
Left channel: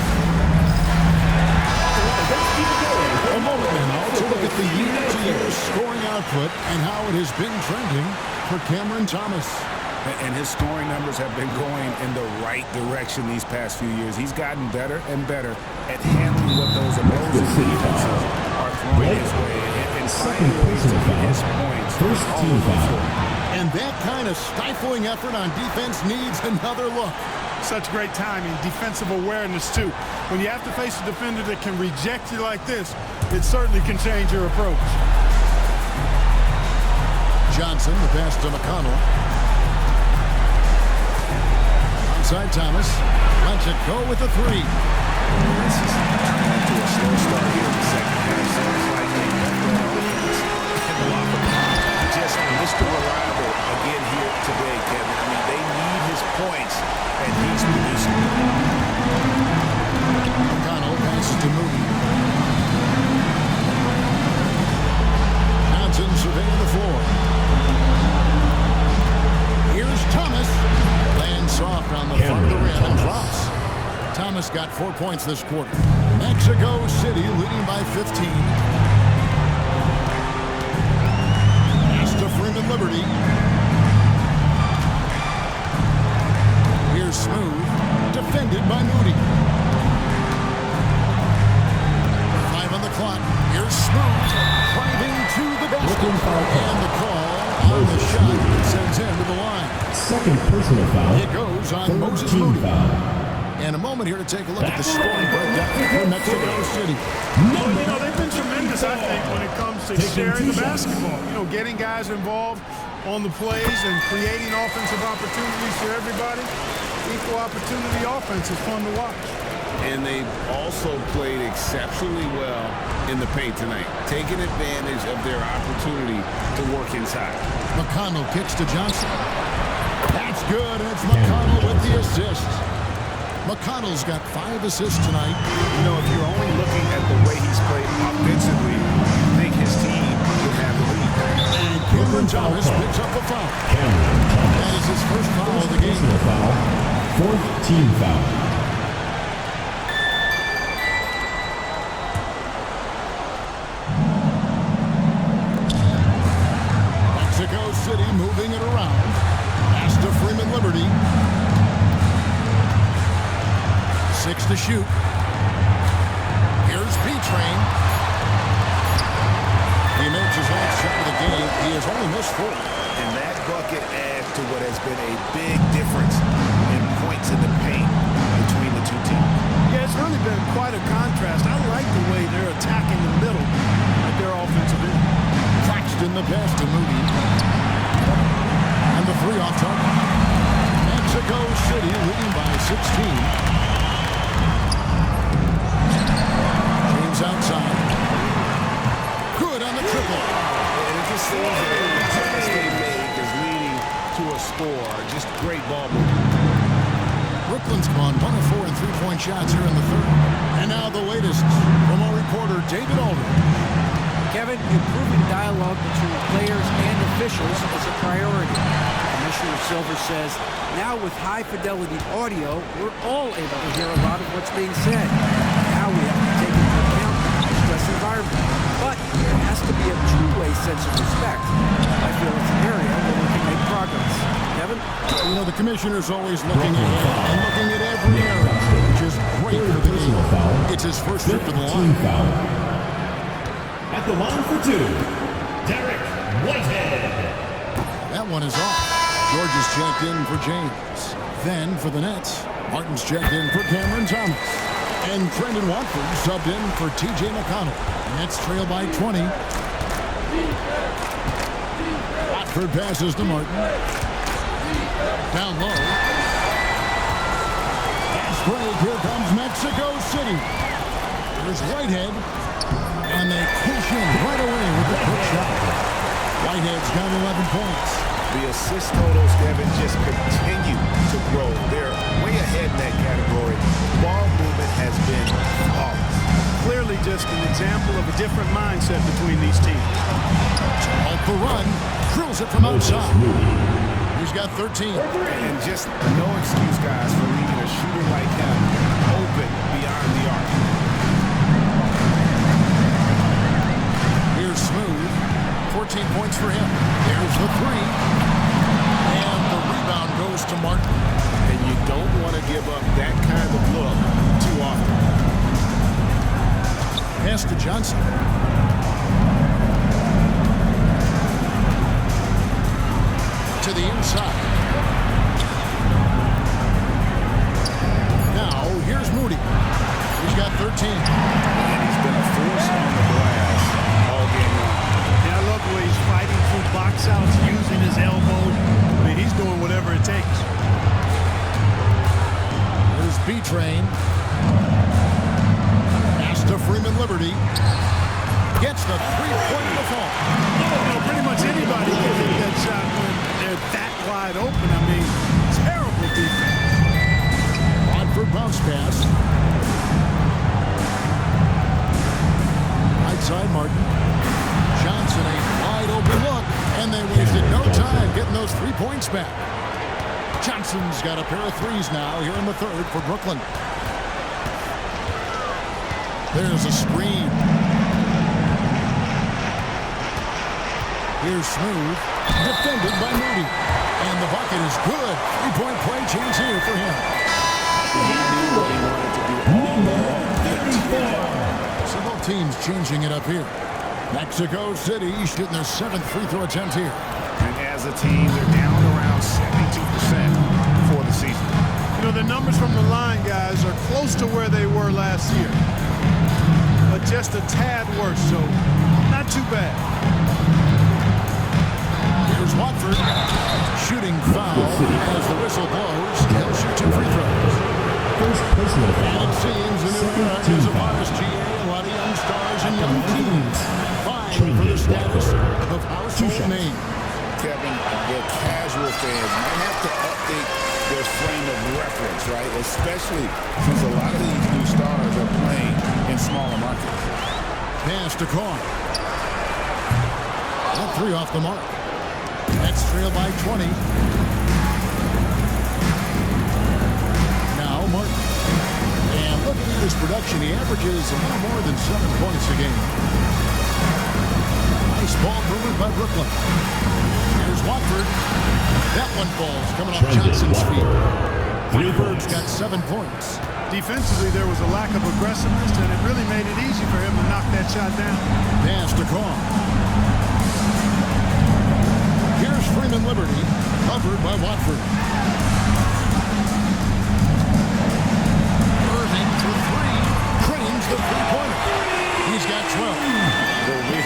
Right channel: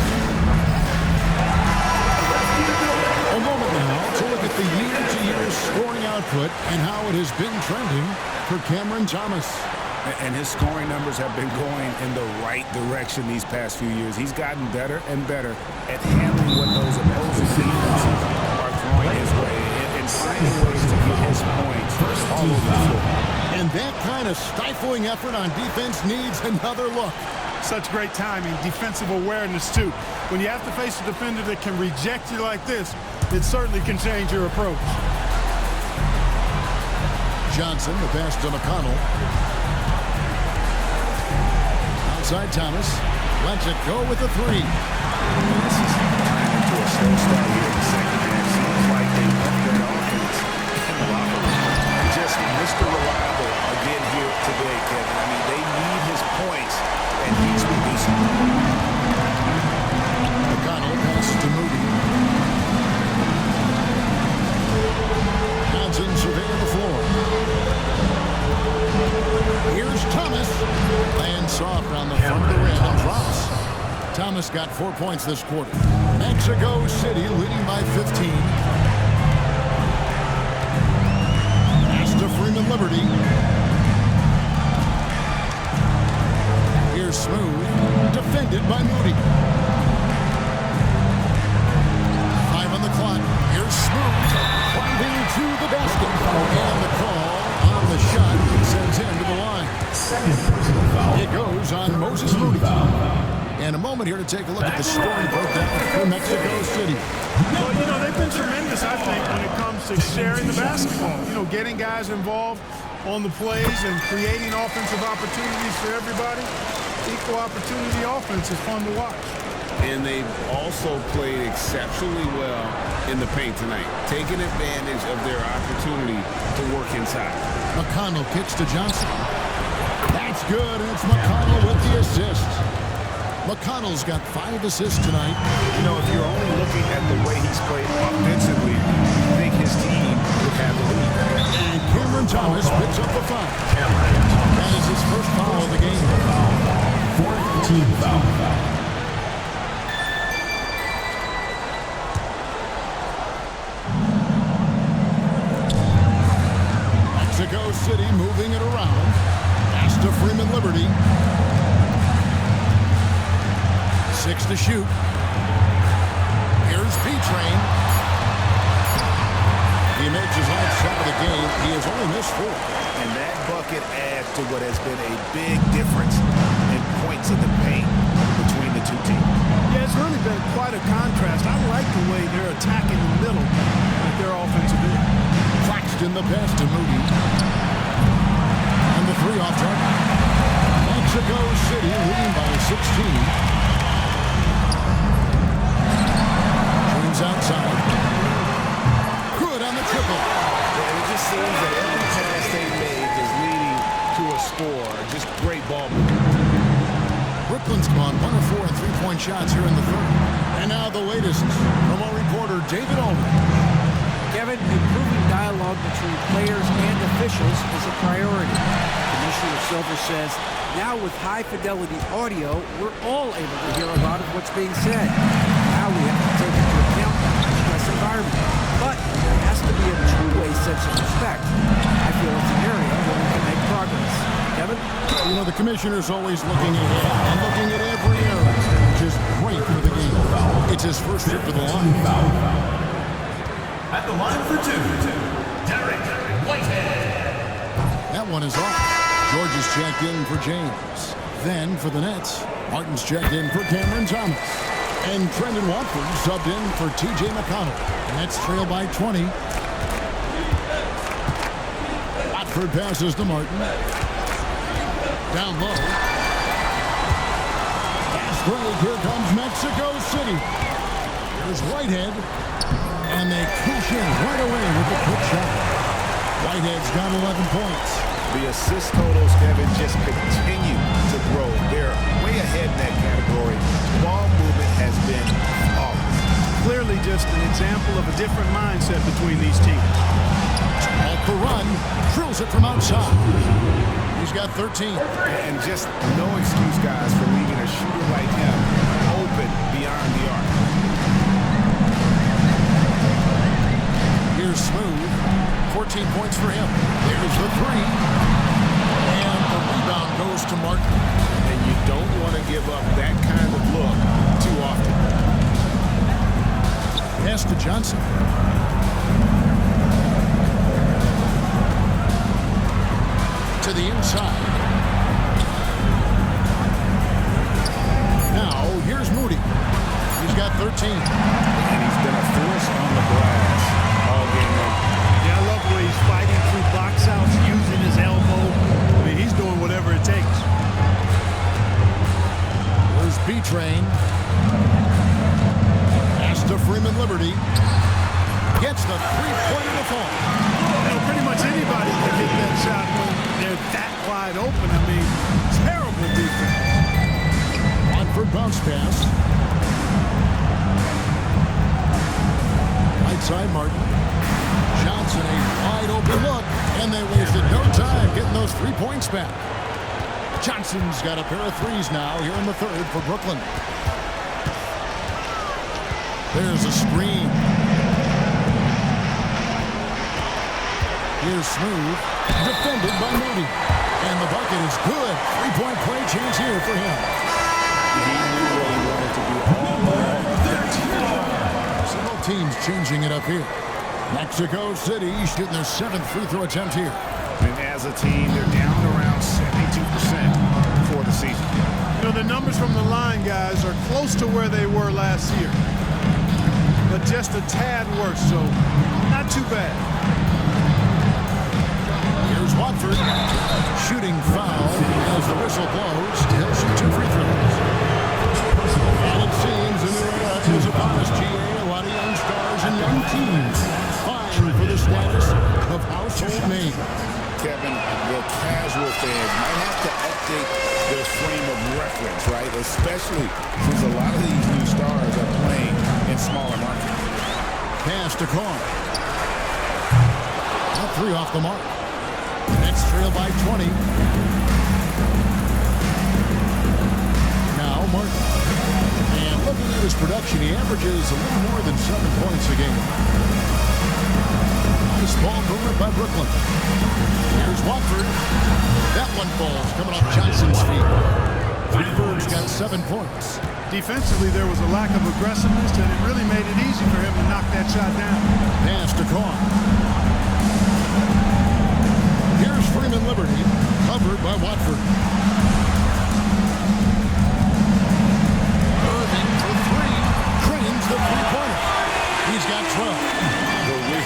A moment now to look at the year-to-year scoring output and how it has been trending for Cameron Thomas. And his scoring numbers have been going in the right direction these past few years. He's gotten better and better at handling what those opposing defenses are throwing his way and finding ways to get his points all over the floor. And that kind of stifling effort on defense needs another look. Such great timing, defensive awareness, too. When you have to face a defender that can reject you like this, it certainly can change your approach. Johnson, the pass to McConnell. Outside Thomas. Lets it go with the 3. This is turning into a slow start here in the second half. Seems like they left that offense in the locker room. just Mr. Reliable again here today, Kevin. I mean, they need his points, and he's producing. McConnell passes to Moody. Johnson surveying the floor. Here's Thomas. Lands soft on the front of the rim and drops. Thomas got 4 points this quarter. Mexico City leading by 15. Pass to Freeman Liberty. Here's Smooth. Defended by Moody. 5 on the clock. Here's Smooth. Driving to the basket. And the call on the shot that sends him to the line. Second personal foul. It goes on Moses Moody. And a moment here to take a look at the scoring breakdown for Mexico City. Well, you know, they've been tremendous, I think, when it comes to sharing the basketball. You know, getting guys involved on the plays and creating offensive opportunities for everybody. Equal opportunity offense is fun to watch. And they've also played exceptionally well in the paint tonight, taking advantage of their opportunity to work inside. McConnell kicks to Johnson. That's good, and it's McConnell with the assist. McConnell's got 5 assists tonight. You know, if you're only looking at the way he's played offensively, you think his team would have the lead. And Cameron Thomas picks up the foul. That is his first foul of the game. Fourth team foul. Mexico City moving it around. Pass to Freeman Liberty. 6 to shoot. Here's B-Train. He makes his last shot of the game. He has only missed 4. And that bucket adds to what has been a big difference in points in the paint between the two teams. Yeah, it's really been quite a contrast. I like the way they're attacking the middle at their offensive end. Claxton the pass to Moody. And the 3 off target. Mexico City leading by 16. Outside. Good on the triple. And it just seems that every pass they make is leading to a score. Just great ball movement. Brooklyn's gone 1 of 4 in 3-point shots here in the third. And now the latest from our reporter, David Aldridge. Kevin, improving dialogue between players and officials is a priority. Commissioner Silver says, now with high-fidelity audio, we're all able to hear a lot of what's being said. Now we have to take into account the high-stress environment. But there has to be a two-way sense of respect. I feel it's an area where we can make progress. Kevin? You know, the commissioner's always looking ahead and looking at every area, which is great for the game. It's his first trip to the line. At the line for 2, Derek Whitehead. That one is off. George is checked in for James. Then for the Nets, Martin's checked in for Cameron Thomas. And Trendon Watford subbed in for T.J. McConnell. Nets trail by 20. Watford passes to Martin. Down low. Fast break. Here comes Mexico City. Here's Whitehead. And they cash in right away with the quick shot. Whitehead's got 11 points. The assist totals, Kevin, just continue to grow. They're way ahead in that category. Ball movement has been flawless. Clearly just an example of a different mindset between these teams. Off the run, drills it from outside. He's got 13. And just no excuse, guys, for leaving a shooter like him open beyond the arc. Here's Smooth. 14 points for him. There's the 3. And the rebound goes to Martin. And you don't want to give up that kind of look too often. Pass to Johnson. To the inside. Now, here's Moody. He's got 13. And he's been a force on the glass all game long. Yeah, I love the way he's fighting through box outs, using his elbow. I mean, he's doing whatever it takes. Here's B-Train. Pass to Freeman Liberty. Gets the 3-pointer to fall. You know, pretty much anybody can hit that shot when they're that wide open. I mean, terrible defense. Watford bounce pass. Right side, Martin. Johnson, a wide open look, and they wasted no time getting those 3 points back. Johnson's got a pair of threes now here in the third for Brooklyn. There's a screen. Here's Smooth, defended by Moody. And the bucket is good. 3-point play chance here for him. He knew what he wanted to do all along. So both teams changing it up here. Mexico City shooting their 7th free throw attempt here. And as a team, they're down around 72% for the season. You know, the numbers from the line, guys, are close to where they were last year. But just a tad worse, so not too bad. Here's Watford. Shooting foul as the whistle blows. He'll shoot 2 free throws. And it seems a new era is upon us, GA. A lot of young stars and young teams vying for the status of household name. Kevin, the casual fans might have to update their frame of reference, right? Especially since a lot of these new stars are playing in smaller markets. Pass to Carr. That 3 off the mark. Nets trail by 20. Now Martin. And looking at his production, he averages a little more than 7 points a game. Nice ball movement by Brooklyn. Here's Watford. That one falls coming off Johnson's feet. Watford's got 7 points. Defensively, there was a lack of aggressiveness, and it really made it easy for him to knock that shot down. Pass to Carr. Here's Freeman Liberty, covered by Watford. Irving for 3, cranes the three-pointer. He's got 12. The real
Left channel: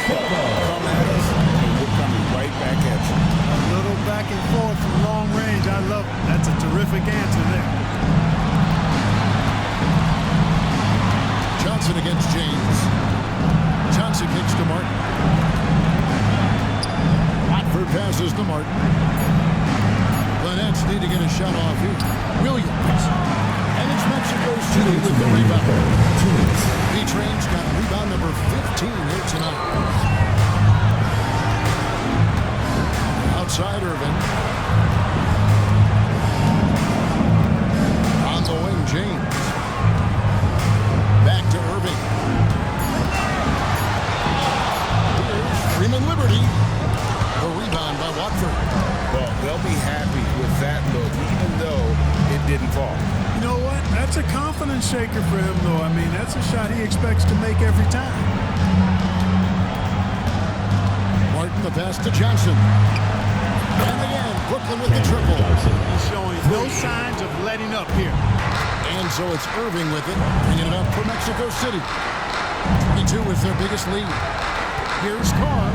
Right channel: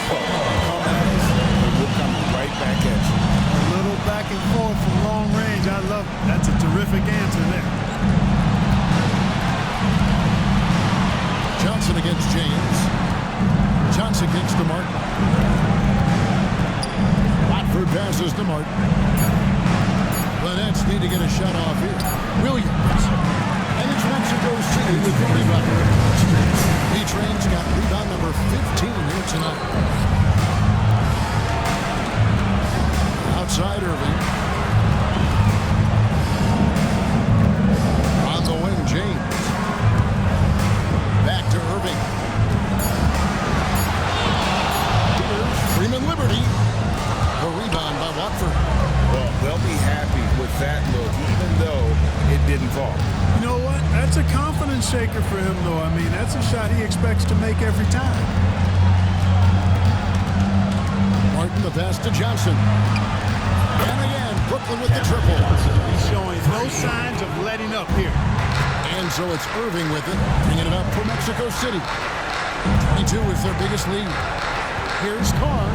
come at us, and we're coming right back at you. A little back and forth from long range. I love it. That's a terrific answer there. Johnson against James. Johnson kicks to Martin. Watford passes to Martin. The Nets need to get a shot off here. Williams. And it's Mexico City with the rebound. B-Train's got rebound number 15 here tonight. Outside Irving. On the wing, James. Back to Irving. Here's Freeman Liberty. The rebound by Watford. Well, they'll be happy with that look, even though it didn't fall. You know what? That's a confidence shaker for him, though. I mean, that's a shot he expects to make every time. Martin, the pass to Johnson. And again, Brooklyn with the triple. He's showing no signs of letting up here. And so it's Irving with it, bringing it up for Mexico City. 22 is their biggest lead. Here's Carr.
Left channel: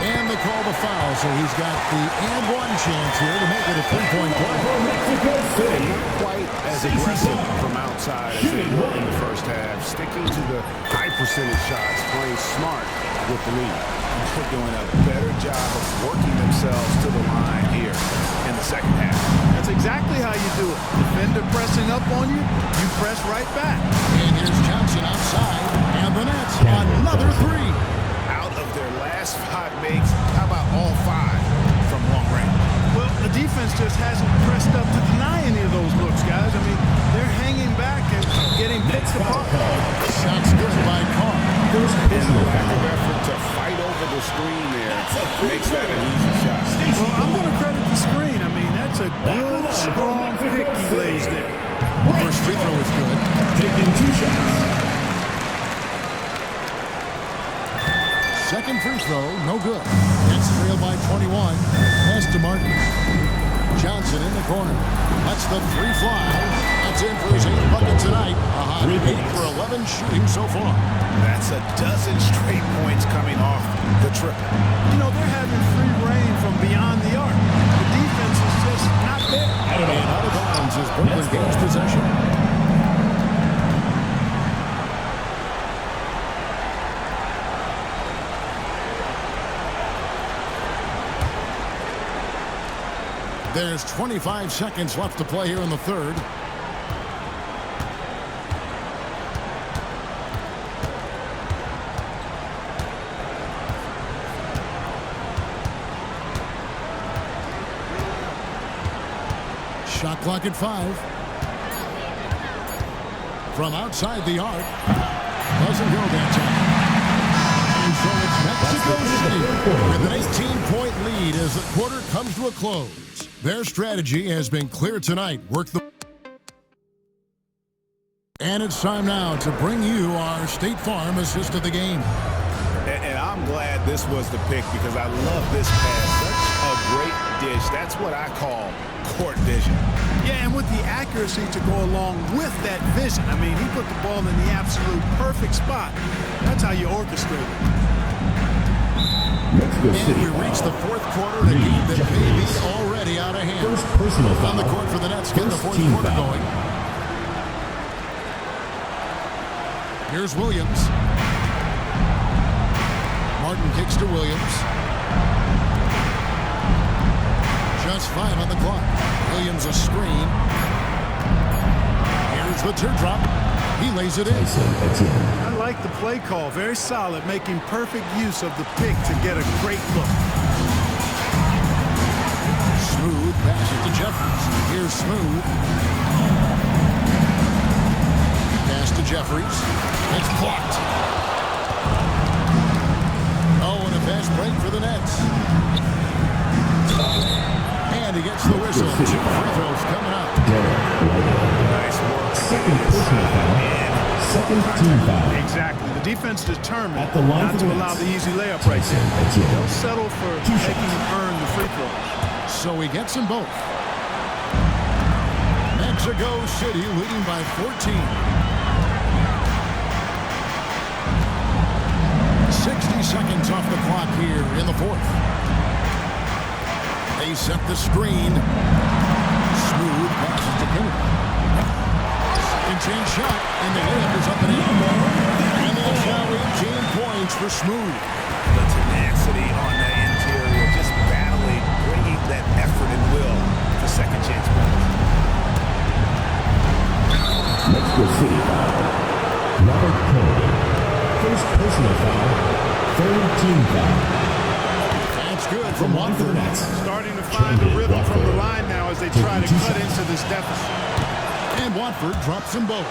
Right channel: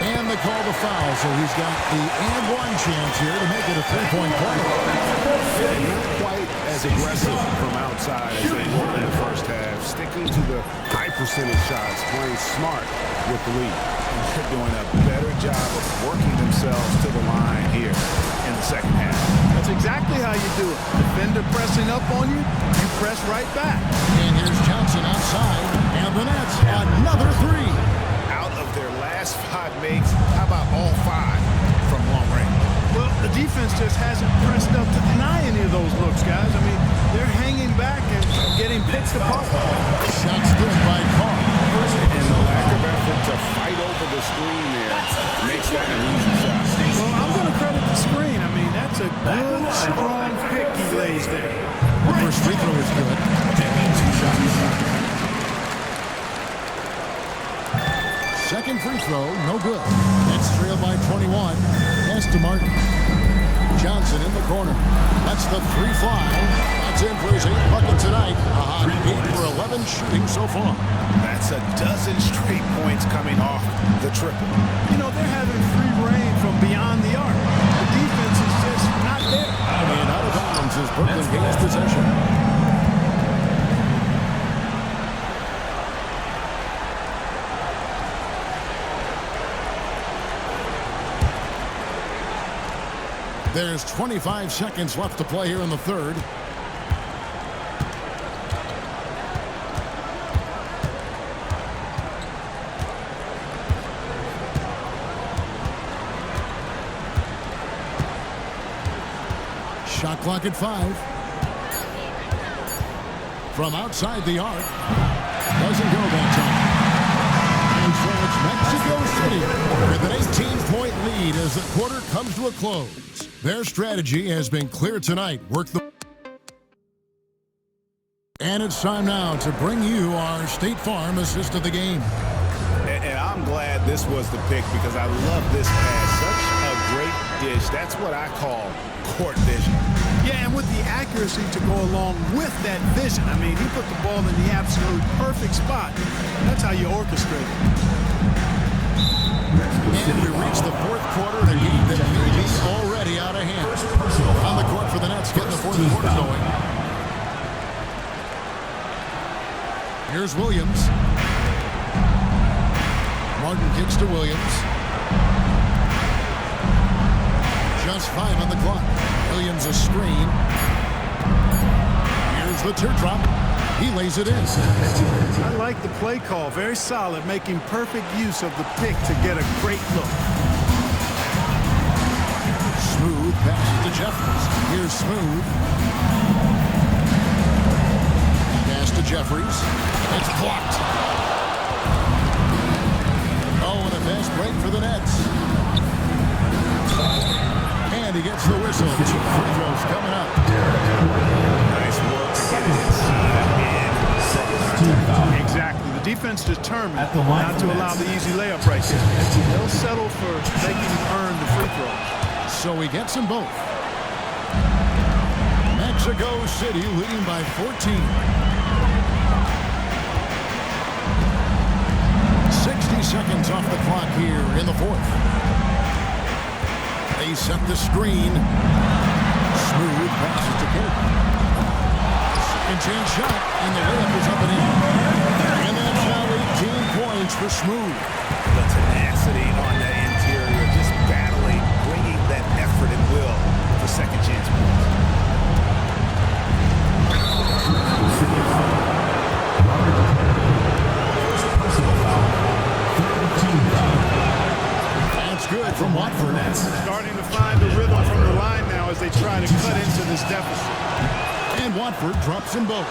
And they call the foul, so he's got the and one chance here to make it a 3-point play. And not quite as aggressive from outside as they were in the first half, sticking to the high percentage shots, playing smart with the lead. And they're doing a better job of working themselves to the line here in the second half. That's exactly how you do it. Defender pressing up on you, you press right back. And here's Johnson outside, and the Nets another 3. Out of their last 5 makes, how about all 5 from long range? Well, the defense just hasn't pressed up to deny any of those looks, guys. I mean, they're hanging back and getting picked apart. Shots good by Carr. And the lack of effort to fight over the screen there makes that an easy shot. Well, I'm going to credit the screen. I mean, that's a good, strong pick he lays there. The first free throw is good. Taking 2 shots. Second free throw, no good. Nets trail by 21. Pass to Martin. Johnson in the corner. Lets the 3 fly. That's in for his 8th bucket tonight. A hot 8 for 11 shooting so far. That's a dozen straight points coming off the triple. You know, they're having free reign from beyond the arc. The defense is just not there. And out of bounds as Brooklyn gains possession. There's 25 seconds left to play here in the third. Shot clock at 5. From outside the arc. Doesn't go that time. And so it's Mexico City with an 18-point lead as the quarter comes to a close. Their strategy has been clear tonight. And it's time now to bring you our State Farm assist of the game. And I'm glad this was the pick because I love this pass. Such a great dish. That's what I call court vision. Yeah, and with the accuracy to go along with that vision. I mean, he put the ball in the absolute perfect spot. That's how you orchestrate it. And we reach the fourth quarter in a game that may be already out of hand. First personal foul. On the court for the Nets, getting the fourth quarter going. Here's Williams. Martin kicks to Williams. Just 5 on the clock. Williams a screen. Here's the teardrop. He lays it in. I like the play call. Very solid, making perfect use of the pick to get a great look. Smooth passes to Jeffries. Here's Smooth. Pass to Jeffries. It's blocked. Oh, and a fast break for the Nets. And he gets the whistle. 2 free throws coming up. Nice work to get it inside and Second team foul. Exactly. The defense determined At the line not for to the allow Nets. the easy layup right there. They'll settle for Two making shots. him earn the free throws. So he gets them both. Mexico City leading by 14. 60 seconds off the clock here in the fourth. They set the screen. Smooth passes to Kennedy. Second chance shot, and the layup is up and in. And that's now 18 points for Smooth. the tenacity on that interior, just battling, bringing that effort and will for second chance points. Mexico City foul. Robert Kennedy. First personal foul. Third team foul. That's good from Watford. Starting to find a rhythm from the line now as they try to cut into this deficit. And Watford drops them both.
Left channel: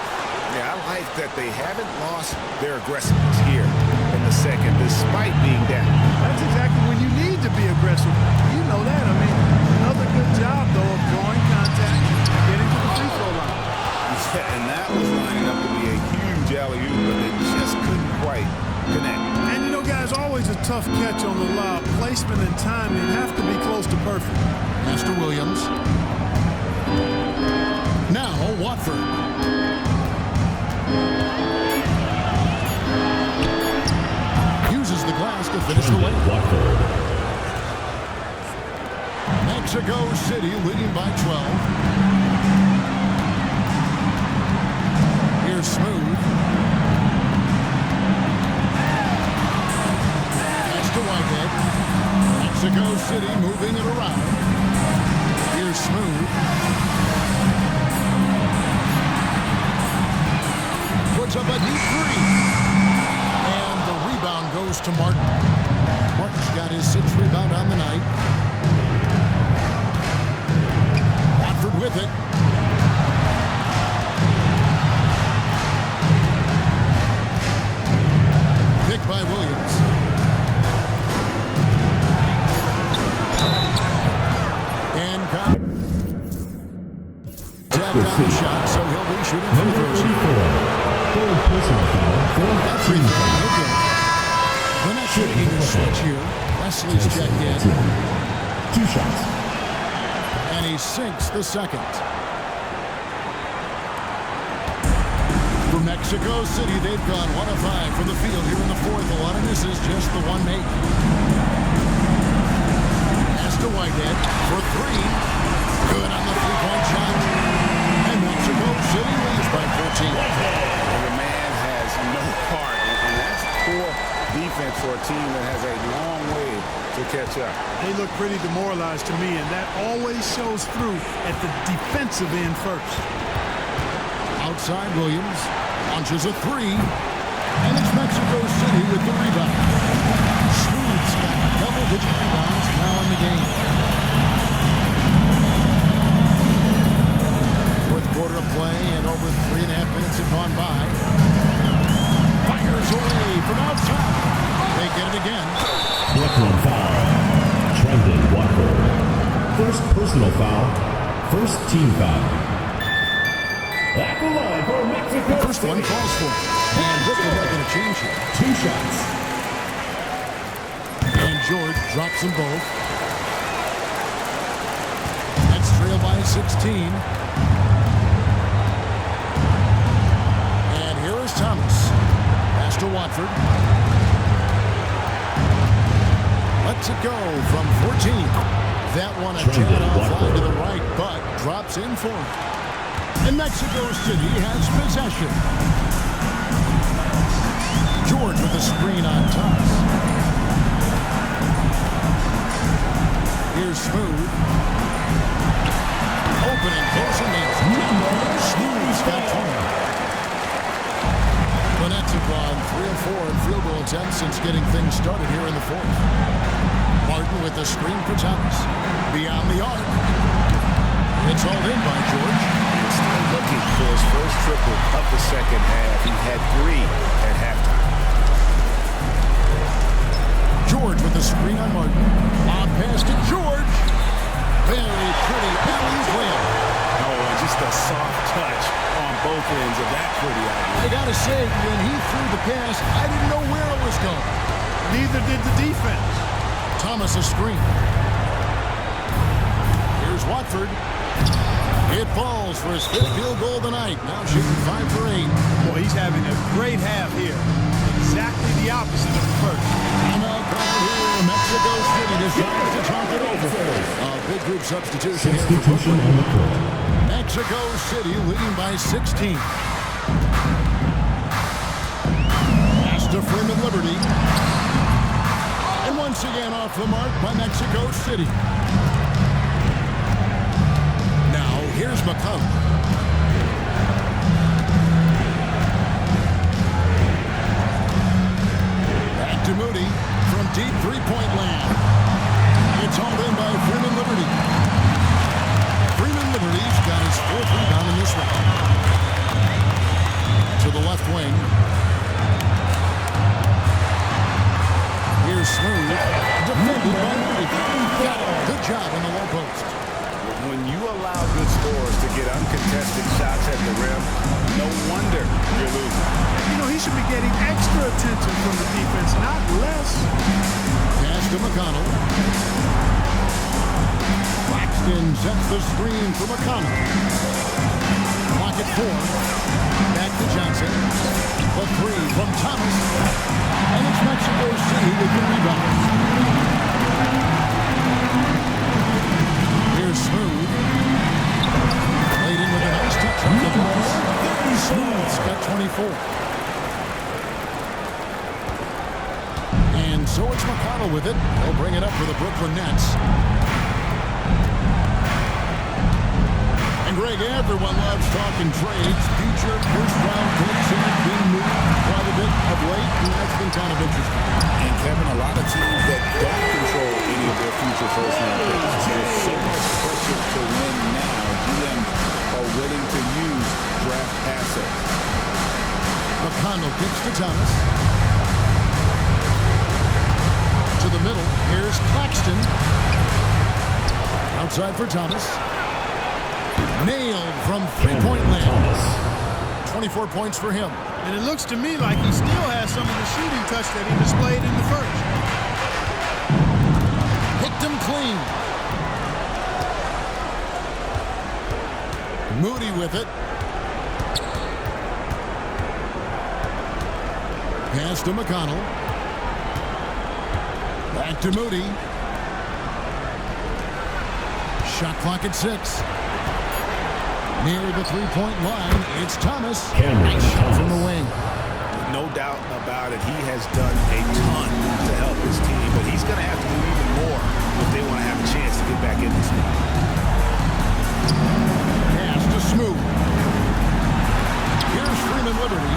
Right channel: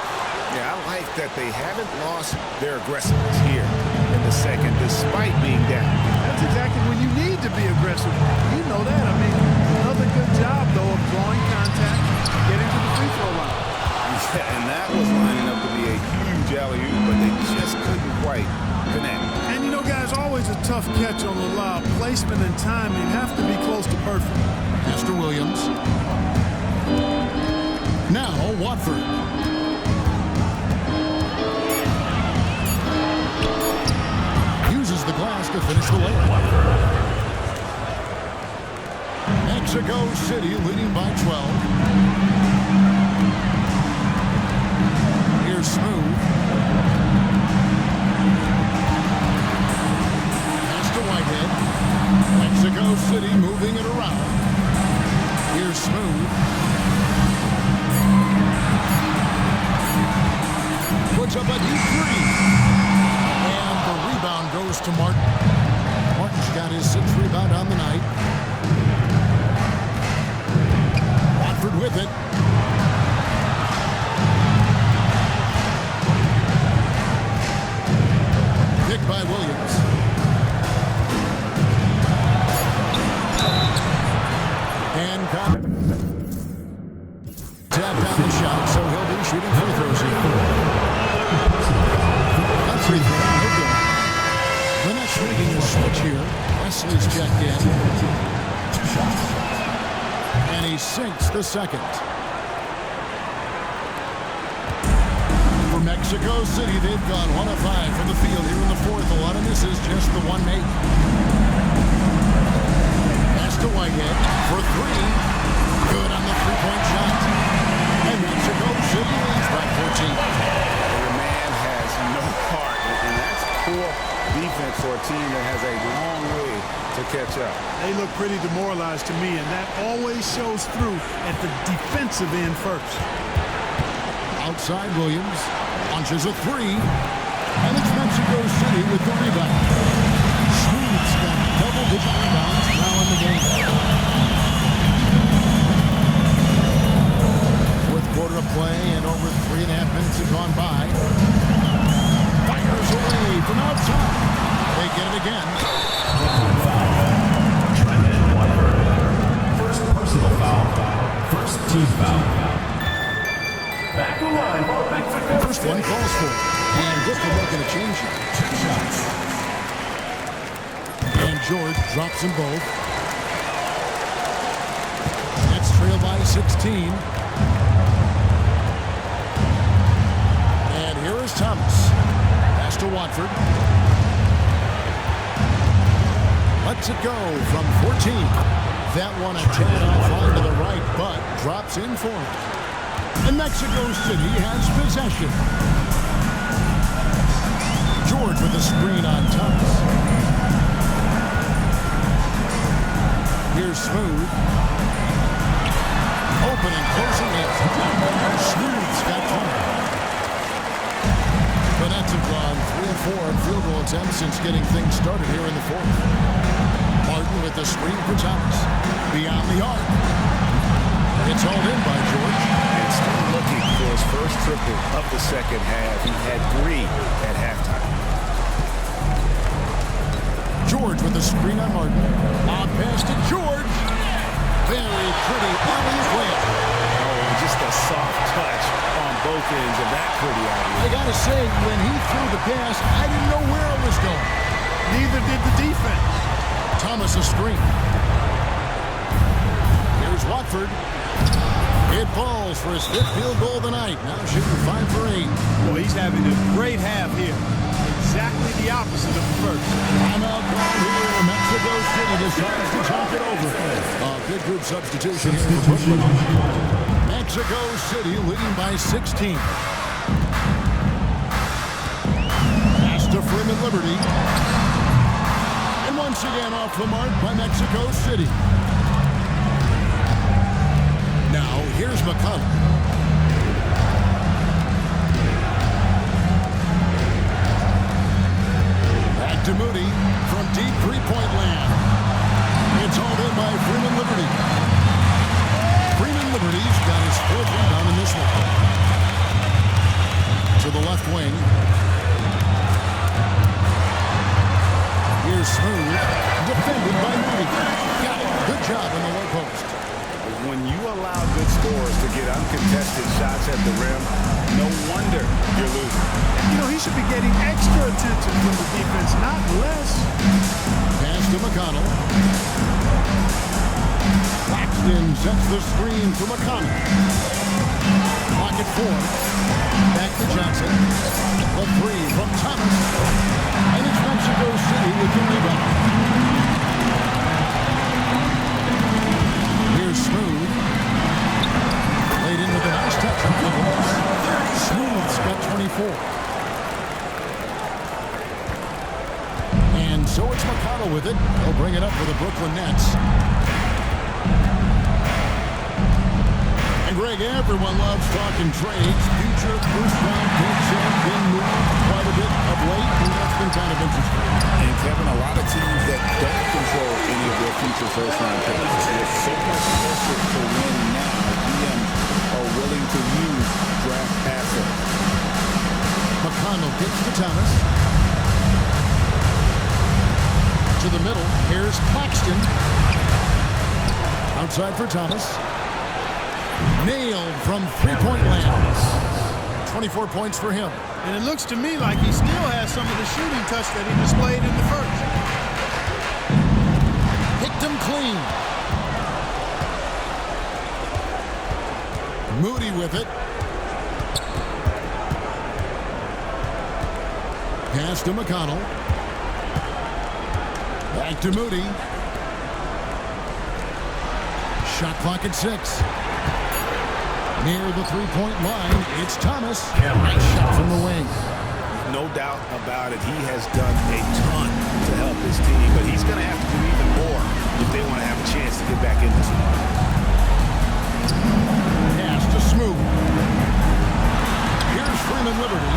Yeah, I like that they haven't lost their aggressiveness here in the second, despite being down. That's exactly when you need to be aggressive. You know that. I mean, another good job, though, of drawing contact, getting to the free throw line. Yeah, and that was lining up to be a huge alley-oop, but they just couldn't quite connect. And, you know, guys, always a tough catch on the lob. Placement and timing have to be close to perfect. Master Williams. Now, Watford. Uses the glass to finish the layup. Mexico City leading by 12. Here's Smooth. Pass to Whitehead. Mexico City moving it around. Here's Smooth. Puts up a deep three. And the rebound goes to Martin. Martin's got his 6th rebound on the night. Watford with it. Picked by Williams. And tapped down the shot, so he'll be shooting free throws here. That free throw, no good. The Nets making a switch here. Wesley's checked in. 2 shots. And he sinks the second. For Mexico City, they've gone 1 of 5 from the field here in the fourth. A lot of misses, just the one make. Pass to Whitehead for 3. Good on the three-point shot. And Mexico City leads by 14. And the man has no heart, and that's poor defense for a team that has a long way to catch up. They look pretty demoralized to me, and that always shows through at the defensive end first. Outside Williams launches a three, and it's Mexico City with the rebound. Smooth's got double-digit rebounds now in the game. Fourth quarter of play, and over 3.5 minutes have gone by. Fires away from outside. They get it again. Brooklyn foul. Trendon Watford. First personal foul. First team foul. At the line for Mexico. First one falls for it. And Brooklyn making a change here. 2 shots. And George drops them both. Nets trail by 16. And here is Thomas. Pass to Watford. Lets it go from 14. That one a tad offline to the right, but drops in for it. And Mexico City has possession. George with a screen on Thomas. Here's Smooth. Open and close and nails it. Smooth's got 20. The Nets have gone 3 of 4 in field goal attempts since getting things started here in the fourth. Martin with the screen for Thomas. Beyond the arc. It's hauled in by George. And still looking for his first triple of the second half. He had 3 at halftime. George with the screen on Martin. Lob pass to George. Very pretty alley-oop layup. Oh, and just a soft touch on both ends of that pretty alley-oop. I gotta say, when he threw the pass, I didn't know where it was going. Neither did the defense. Thomas a screen. Here's Watford. It falls for his 5th field goal of the night. Now shooting 5 for 8. Boy, he's having a great half here. Exactly the opposite of the first. Timeout called here. Mexico City decides to talk it over. A big group substitution here for Brooklyn. On the court. Mexico City leading by 16. Pass to Freeman Liberty. And once again off the mark by Mexico City. Now here's McConnell. Back to Moody from deep three-point land. It's hauled in by Freeman Liberty. Freeman Liberty's got his 4th rebound in this one. To the left wing. Here's Smooth. Defended by Moody. Got it. Good job in the low post. When you allow good scorers to get uncontested shots at the rim, no wonder you're losing. You know, he should be getting extra attention from the defense, not less. Pass to McConnell. Claxton sets the screen for McConnell. Clock at 4. Back to Johnson. The 3 from Thomas. And it's Mexico City with the rebound. Here's Smooth. Laid in with a nice touch off the glass. Smooth's got 24. And so it's McConnell with it. They'll bring it up for the Brooklyn Nets. And Greg, everyone loves talking trades. Future first-round picks have been moved quite a bit of late, and that's been kind of interesting. And Kevin, a lot of teams that don't control any of their future first-round picks. With so much pressure to win now, GMs are willing to use draft assets. McConnell kicks to Thomas. To the middle. Here's Claxton. Outside for Thomas. Nailed from three-point land. 24 points for him. And it looks to me like he still has some of the shooting touch that he displayed in the first. Picked him clean. Moody with it. Pass to McConnell. Back to Moody. Shot clock at 6. Near the three-point line, it's Thomas. Nice shot from the wing. no doubt about it. He has done a ton to help his team, but he's going to have to do even more if they want to have a chance to get back in this one. Pass to Smooth. Here's Freeman Liberty.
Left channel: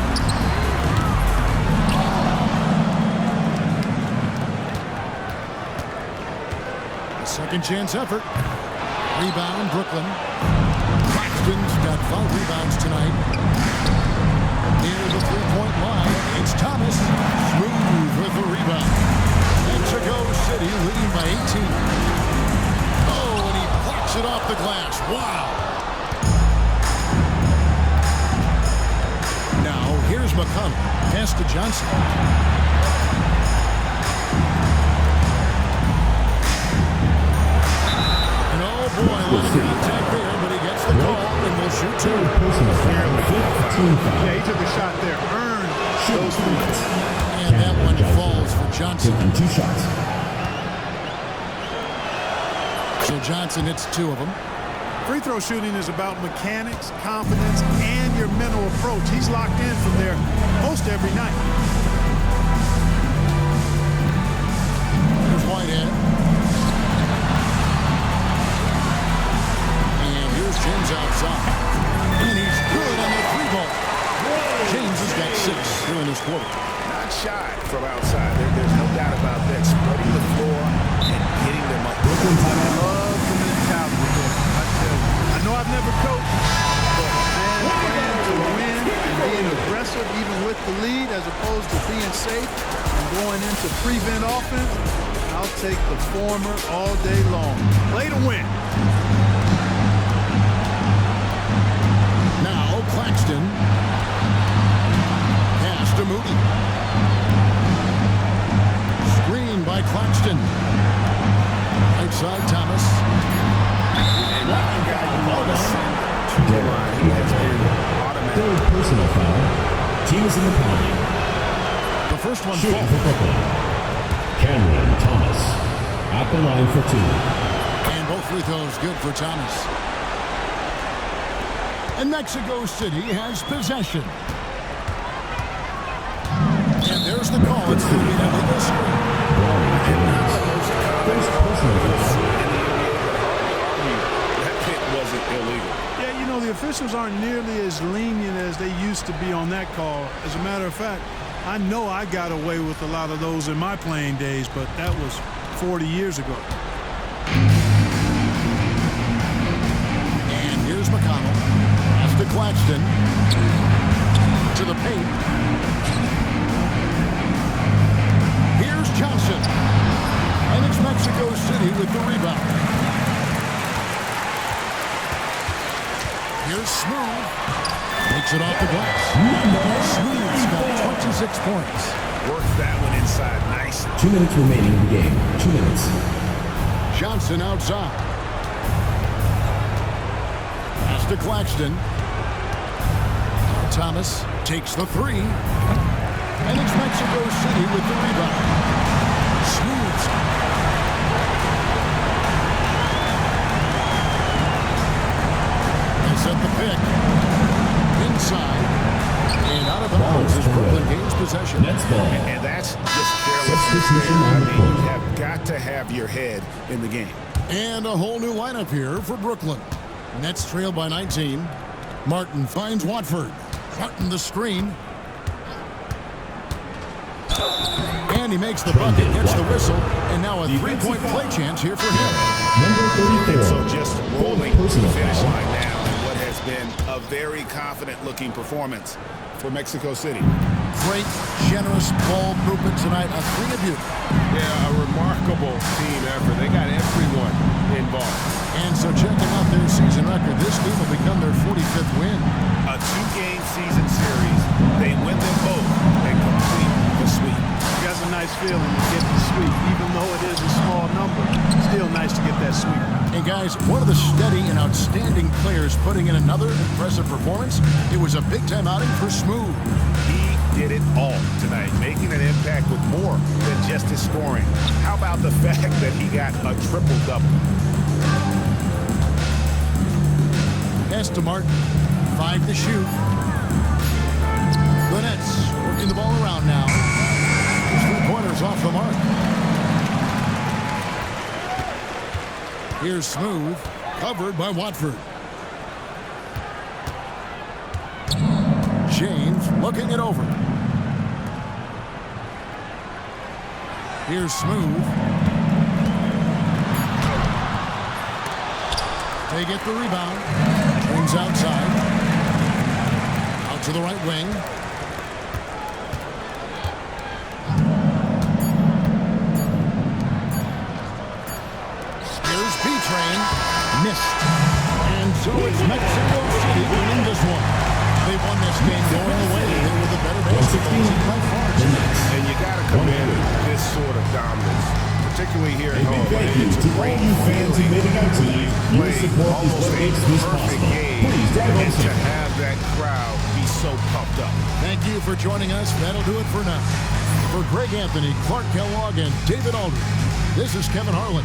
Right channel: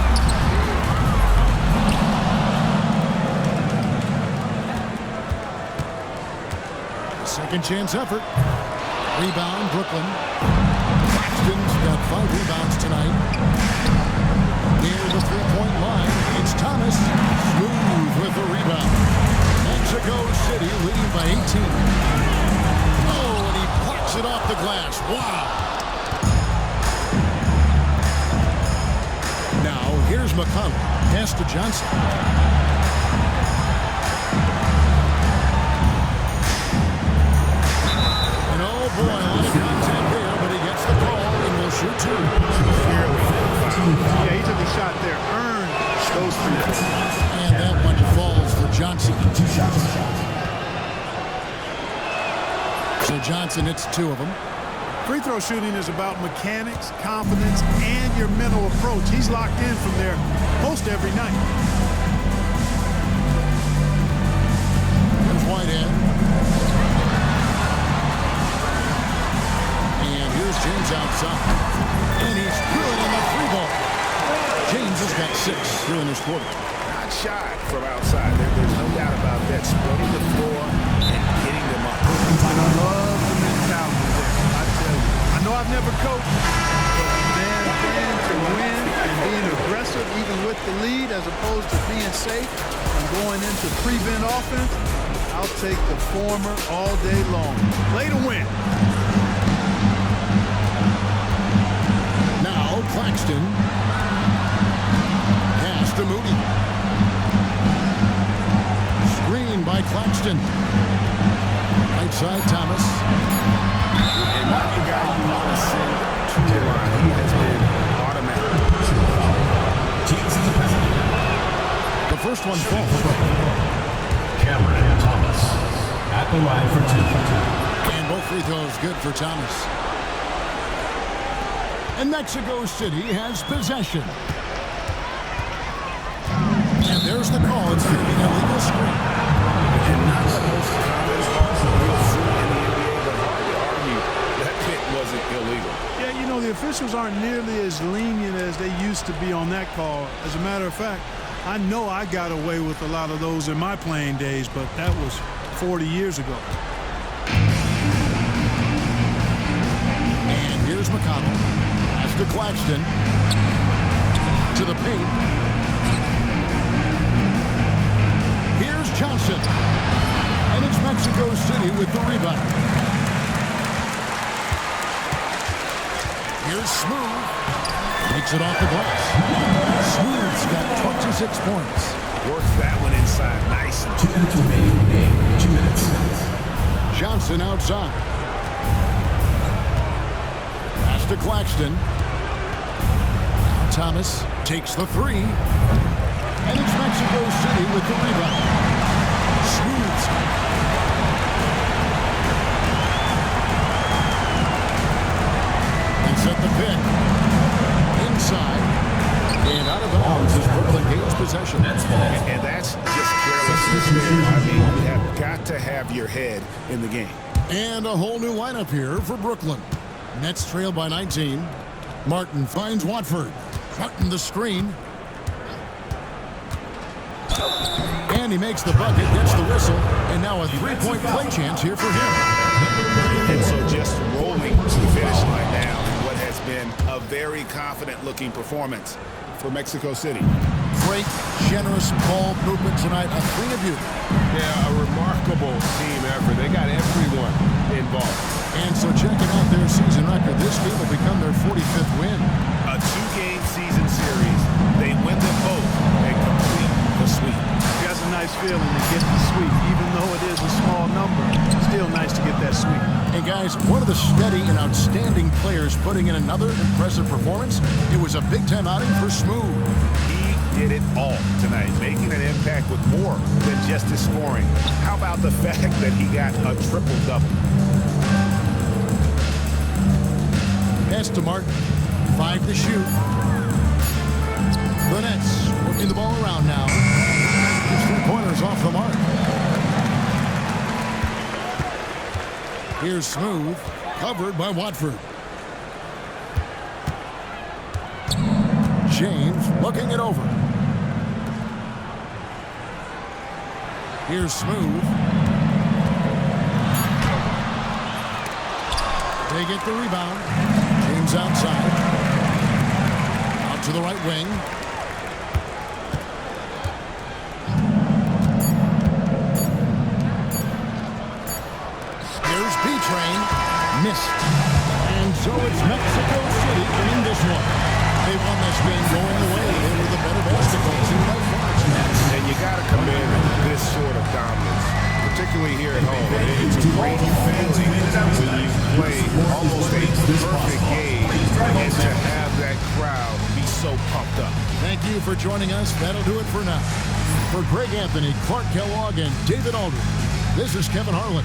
The second chance effort. Rebound, Brooklyn. Claxton's got 5 rebounds tonight. Near the three-point line, it's Thomas. Smooth with the rebound. Mexico City leading by 18. Oh, and he plucks it off the glass. Wow. Now, here's McConnell. Pass to Johnson. And oh boy, a lot of contact there, but he gets the call and will shoot 2. Yeah, he took a shot there, earned those 3 points. And that one falls for Johnson. Taking 2 shots. So Johnson hits 2 of them. Free throw shooting is about mechanics, confidence, and your mental approach. He's locked in from there most every night. Here's Whitehead. And here's James outside. And he's good on the 3-ball. James has got 6 here in this quarter. Not shy from outside. There's no doubt about that. Spreading the floor and getting them up. I love the mentality there. I tell you. I know I've never coached, but man, playing to win and being aggressive even with the lead as opposed to being safe and going into prevent offense, I'll take the former all day long. Play to win. Now Claxton. Pass to Moody. Screen by Claxton. Right side, Thomas. And not the guy you want to send to the line. He has been automatic. Personal foul. Team is in the penalty. The first one Shooting falls. for Brooklyn. Cameron Thomas at the line for 2. And both free throws good for Thomas. And Mexico City has possession. And there's the call. It's going to be an illegal screen. And not the most common call you'll see in the NBA, but hard to argue that it wasn't illegal. Yeah, you know, the officials aren't nearly as lenient as they used to be on that call. As a matter of fact, I know I got away with a lot of those in my playing days, but that was 40 years ago. And here's McConnell. Pass to Claxton. To the paint. Here's Johnson. And it's Mexico City with the rebound. Here's Smooth. Makes it off the glass. Smooth's got 26 points. Works that one inside nicely. 2 minutes remaining in the game. 2 minutes. Johnson outside. Pass to Claxton. Now Thomas takes the 3. And it's Mexico City with the rebound. Smooths. They set the pick. Inside. And out of bounds as Brooklyn gains possession. Nets ball. And that's just carelessness there. I mean, you have got to have your head in the game. And a whole new lineup here for Brooklyn. Nets trail by 19. Martin finds Watford. Martin the screen. And he makes the bucket, gets the whistle, and now a 3-point play chance here for him. Number 34. And so just rolling to the finish line now in what has been a very confident-looking performance for Mexico City. Great, generous ball movement tonight. A thing of beauty. Yeah, a remarkable team effort. They got everyone involved. And so checking out their season record, this game will become their 45th win. A 2-game season series. They win them both and complete the sweep. That's a nice feeling to get the sweep, even though it is a small number. Still nice to get that sweep. And guys, one of the steady and outstanding players putting in another impressive performance. It was a big-time outing for Smooth. He did it all tonight, making an impact with more than just his scoring. How about the fact that he got a triple-double? Pass to Martin. 5 to shoot. The Nets Working the ball around now. His 3 pointers off the mark. Here's Smooth, covered by Watford. James looking it over. Here's Smooth. They get the rebound. James outside. Out to the right wing. Here's B-Train. Missed. And so it's Mexico City winning this one. They won this game going away. They were the better basketball team by far tonight. And you got to commend this sort of dominance, particularly here at home. It's a great feeling when you play almost a perfect game and to have that crowd be so pumped up. Thank you for joining us. That'll do it for now. For Greg Anthony, Clark Kellogg, and David Aldridge, this is Kevin Harlan.